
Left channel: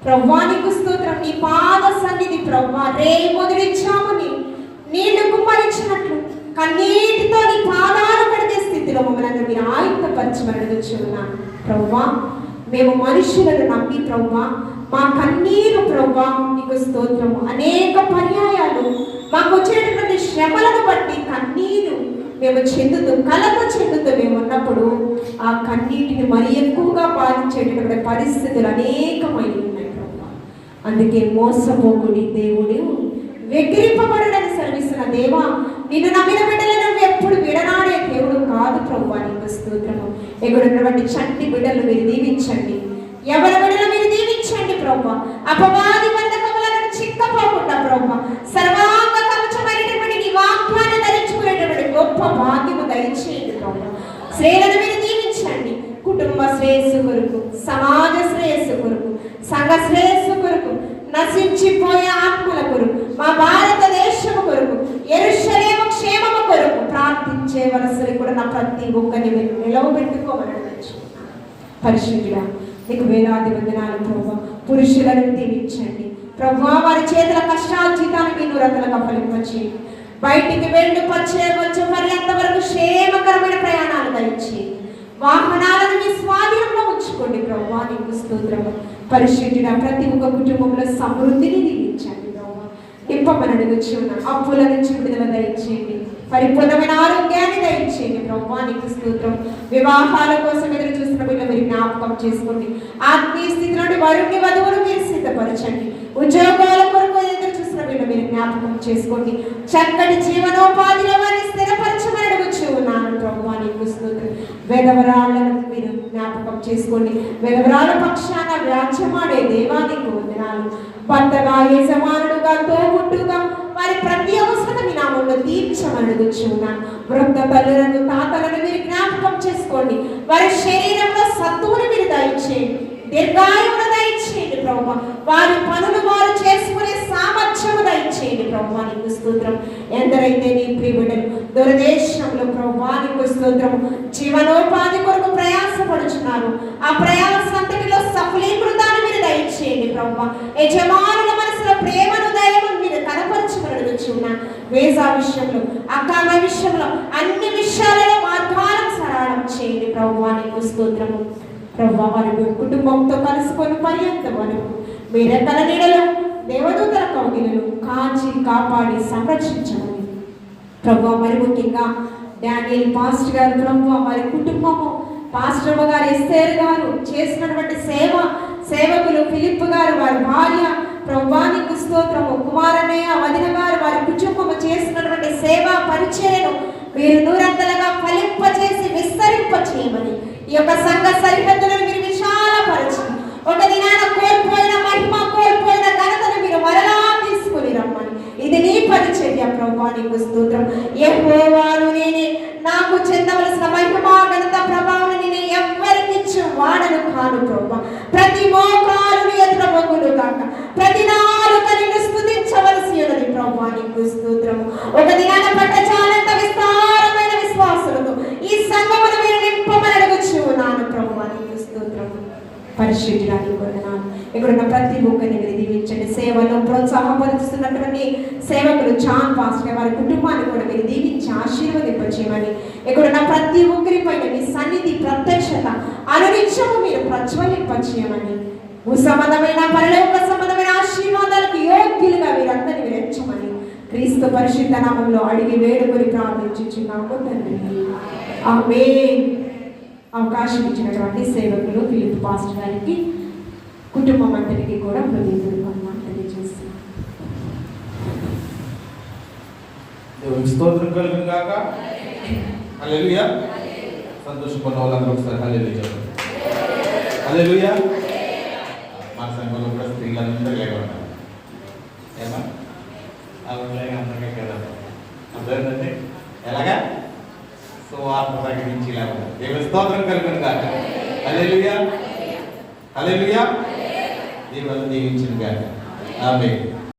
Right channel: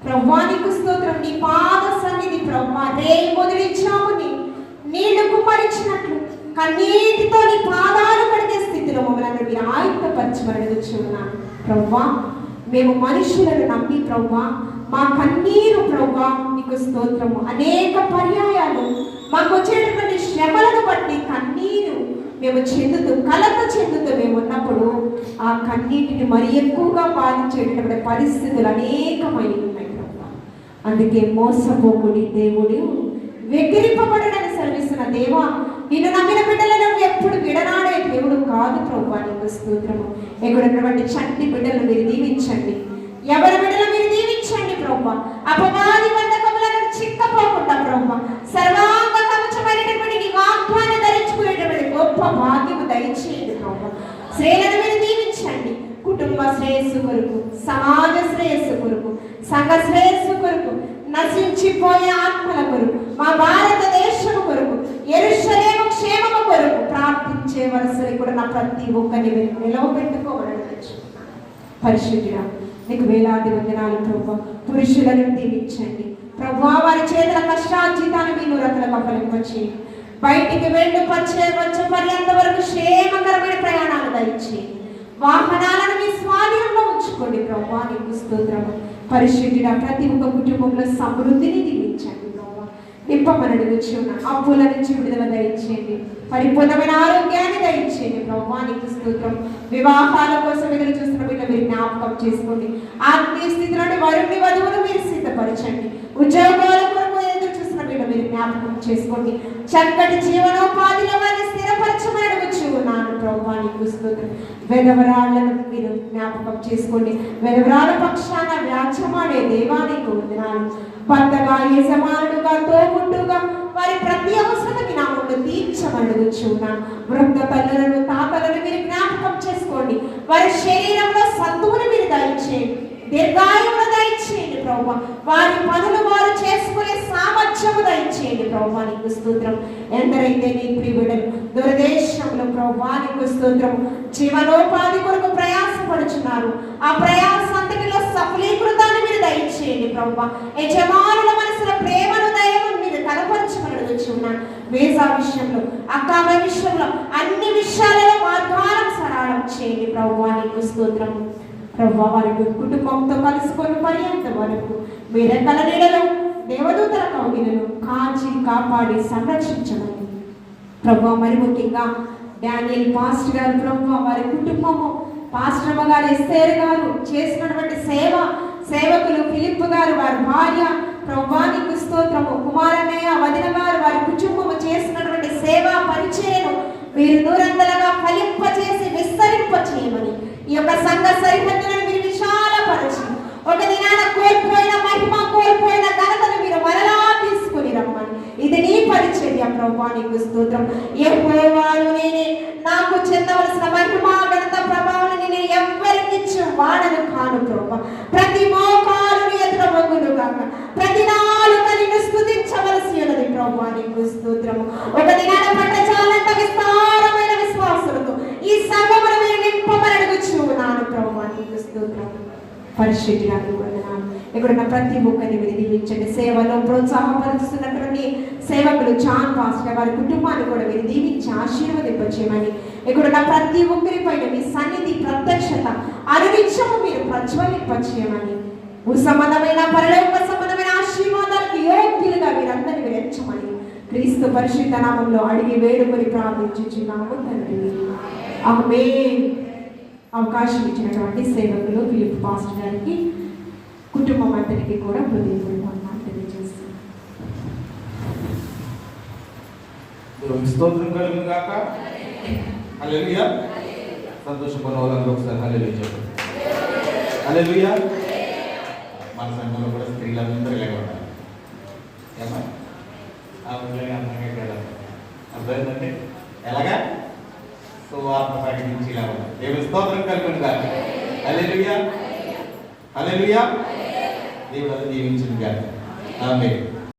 ప్రభువా నీకు స్తోత్రం. నీ పాద సన్నిధి ప్రభువా, రే మొదలిచ్చాముని నీళ్లు కుమ్మరించినట్లు కన్నీటితో నీ పాదాలు కడిగే స్థితిలో మమ్మల్ని మీరు ఆయుధపరచమని ఉన్నాను ప్రభువా. మేము మనుషులను నమ్మి ప్రభువా, మా కన్నీరు ప్రభువా నీకు స్తోత్రము. అనేక పర్యాయాలు మాకు వచ్చేటటువంటి శ్రమలను బట్టి కన్నీరు మేము చెందుతూ, కలత చెందుతూ మేము ఉన్నప్పుడు ఆ కన్నీటిని మరి ఎక్కువగా బాధించేటటువంటి పరిస్థితులు అనేకమైన ఉన్నాయి ప్రభువా. అందుకే మోసపోకుడి దేవుడు, వెక్కిరింపబడని శ్రమిస్తున్న దేవా, నిన్ను నమ్మిన బిడ్డలను ఎప్పుడు విడనాడే దేవుడు కాదు ప్రభువా నీకు స్తోత్రము. ఎక్కడున్నటువంటి చంటి బిడ్డలు మీరు దీవించండి. ఎవరి బిడ్డలు మీరు దీవించండి ప్రభువా. అపవాది బంధకములను చిక్కపోకుండా ప్రభువా, సర్వాంగ కవచమైనటువంటి నీ వాక్యాన్ని ధరించుకునేటటువంటి గొప్ప భాగ్యము దయచేయండి ప్రభువా. శ్రేణులను మీరు దీవించండి. కుటుంబ శ్రేయస్సు కొరకు, సమాజ శ్రేయస్సు కొరకు, సంఘ శ్రేయస్సు కొరకు, నశించిపోయే ఆత్మల కొరకు, మా భారతదేశము కొరకు, యెరూషలేము క్షేమము కొరకు ప్రార్థించే వరసలు కూడా నా ప్రతి ఒక్కరిని మీరు నిలవబెట్టుకోమని పరిశుద్ధుడా నీకు వేలాది వందనాలు ప్రభువా. పురుషులను దీవించండి ప్రభువా. వారి చేతుల కష్టార్జితాన్ని మీరు రకలుగా ఫలింపచేయండి. బయటికి వెళ్ళి వచ్చే పర్యంత వరకు క్షేమకరమైన ప్రయాణాలు దయచేయండి. వాహనాలను మీ స్వాధీనంలో ఉంచుకోండి ప్రభువా నీకు స్తోత్రం. పరిశుద్ధుడా ప్రతి ఒక్క కుటుంబంలో సమృద్ధిని దీవించండి ప్రభువా. నింపమని అడుగుచున్నాను. అప్పుల నుంచి విడుదల దయచేయండి. పరిపూర్ణమైన ఆరోగ్యాన్ని దయచేయండి ప్రభువా నీకు స్తోత్రం. వివాహాల కోసం ఎదురు చూస్తున్న బిడ్డ మీరు జ్ఞాపకం చేసుకోండి. ఆత్మీయ స్థితి నుండి వరుణ్ణి వధువులు మీరు సిద్ధపరచండి. ఉద్యోగాల కొరకు ఎదురు చూస్తున్న బిడ్డ మీరు జ్ఞాపకం చేసుకోండి. చక్కటి జీవనోపాధిలో వారిని స్థిర వెధవరాళ్ళను మీరు జ్ఞాపకం చేసుకోండి. వెధవరాల పక్షాన వ్యాజ్యమాడే దేవానికి వందనాలు. భర్తగా, యజమానుడుగా, తోబుట్టుగా వారి ప్రతి అవసరం మీ నామంలో తీర్చమడుగుచున్నా. వృద్ధ తల్లులను, తాతలను మీరు జ్ఞాపకం చేసుకోండి. వారి శరీరంలో సత్తువుని మీరు దయచేయండి, దీర్ఘాయువును దయచేయండి ప్రభు. వారి పనులు వారు చేసుకునే సామర్థ్యము దయచేయండి ప్రభు. నీకు స్తోత్రం. ఎందరైతే నీ ప్రియుడలు దురదేశంలో ప్రభు నీకు స్తోత్రం జీవనోపాధి కొరకు ప్రయాసపడుచున్నారు, ఆ ప్రయాసంతటిలో సఫలీకృతాన్ని మీరు దయచేయండి ప్రభు. యజమానుల మనసులో ప్రేమను, దయను మీరు కనపరచమడుచున్నా. వేసా విషయంలో, అక్కామ విషయంలో, అన్ని విషయాలలో మార్గాలను సరళం చేయండి ప్రభు. నీకు స్తోత్రం ప్రభు. వారి కుటుంబంతో కలుసుకొని పర్యంత వరకు మీరే కల నీడలో దేవదూతల కౌగిలను కాచి కాపాడి సంరక్షించమని ప్రభు. మరి ముఖ్యంగా డానియల్ పాస్టర్ గారు ప్రభు, వారి కుటుంబము, పాస్టర్ గారు ఎస్తేర్ గారు చేసినటువంటి సేవకులు ఫిలిప్ గారు, వారి భార్య ప్రభు నీకు స్తోత్రము. కుమారన్నయ్య, వదిన గారు, వారి కుటుంబము చేసినటువంటి సేవా పరిచర్యను మీరు నూరంతలుగా ఫలింపచేసి విస్తరింపచేయమని, ఈ యొక్క సంఘ సరిహద్దులను మీరు విశాలపరచి, ఒక దినాన కోల్పోయిన మహిమ, కోల్పోయిన ఘనతను మీరు మరలా తీసుకుని రమ్మని, ఇది నీ పరిచర్య ప్రభు. నీకు స్తోత్రం. యెహోవాను నేనే, నాకు చెందవలసిన మహిమ, ఘనత, ప్రభావం నేను ఎవ్వరికి ఇచ్చిన వాడను కాను ప్రభు. ప్రతి మోకాలు ఎదుట మొగ్గులు కాక, ప్రతి నాలుక నిన్ను స్తుతించవలసి ఉన్నది ప్రభు. నీకు స్తోత్రం. ఒక దినాన పట్టచాలంత విస్తారమైన విశ్వాసులతో ఈ సంఘమును మీరు నింపమని అడుగుచున్నాను ప్రభు. నీకు స్తోత్రం. పరిశుద్ధురాలు వందనాలు. ఇక్కడున్న ప్రతి ఒక్కరిని మీరు దీవించండి. సేవలో ప్రోత్సాహపరుస్తున్నటువంటి సేవకులు జాన్ పాస్టర్ వారి కుటుంబాన్ని కూడా మీరు దీవించి ఆశీర్వదింపచేయమని, ఇక్కడున్న ప్రతి ఒక్కరి పైన మీ సన్నిధి, ప్రత్యక్షత అనునిత్యము మీరు ప్రజ్వలింపచేయమని, సంబంధమైన పరలోక సంబంధమైన ఆశీర్వాదాలకు యోగ్యులుగా మీరందరినీ మీరు ఎంచమని క్రీస్తు పరిశుద్ధ నామములో అడిగి వేడుకొని ప్రార్థించుచున్నాము తండ్రి. ఆమేన్. అవకాశం ఇచ్చినటువంటి సేవకులు ఫిలిప్ పాస్టర్ గారికి, కుటుంబం అందరికీ కూడా హృదయపూర్వకంగా తెలియజేస్తున్నాను. స్తోత్రం కలుగును గాక. హల్లెలూయా. సంతోషపడిన వాళ్ళందరూ ఒకసారి హల్లెలూయా చెప్పండి. హల్లెలూయా. మా సంఘంలో కూడా స్త్రీలందరూ లేకుండా ఏమా అందరికీ కదా అర్థమైందండి. ఎలాగా సువార్త ప్రకటించి లేవు. దేవుని స్తోత్రం కలుగును గాక. హల్లెలూయా. హల్లెలూయా. దేవుడు దీవించింది గాక. ఆమేన్.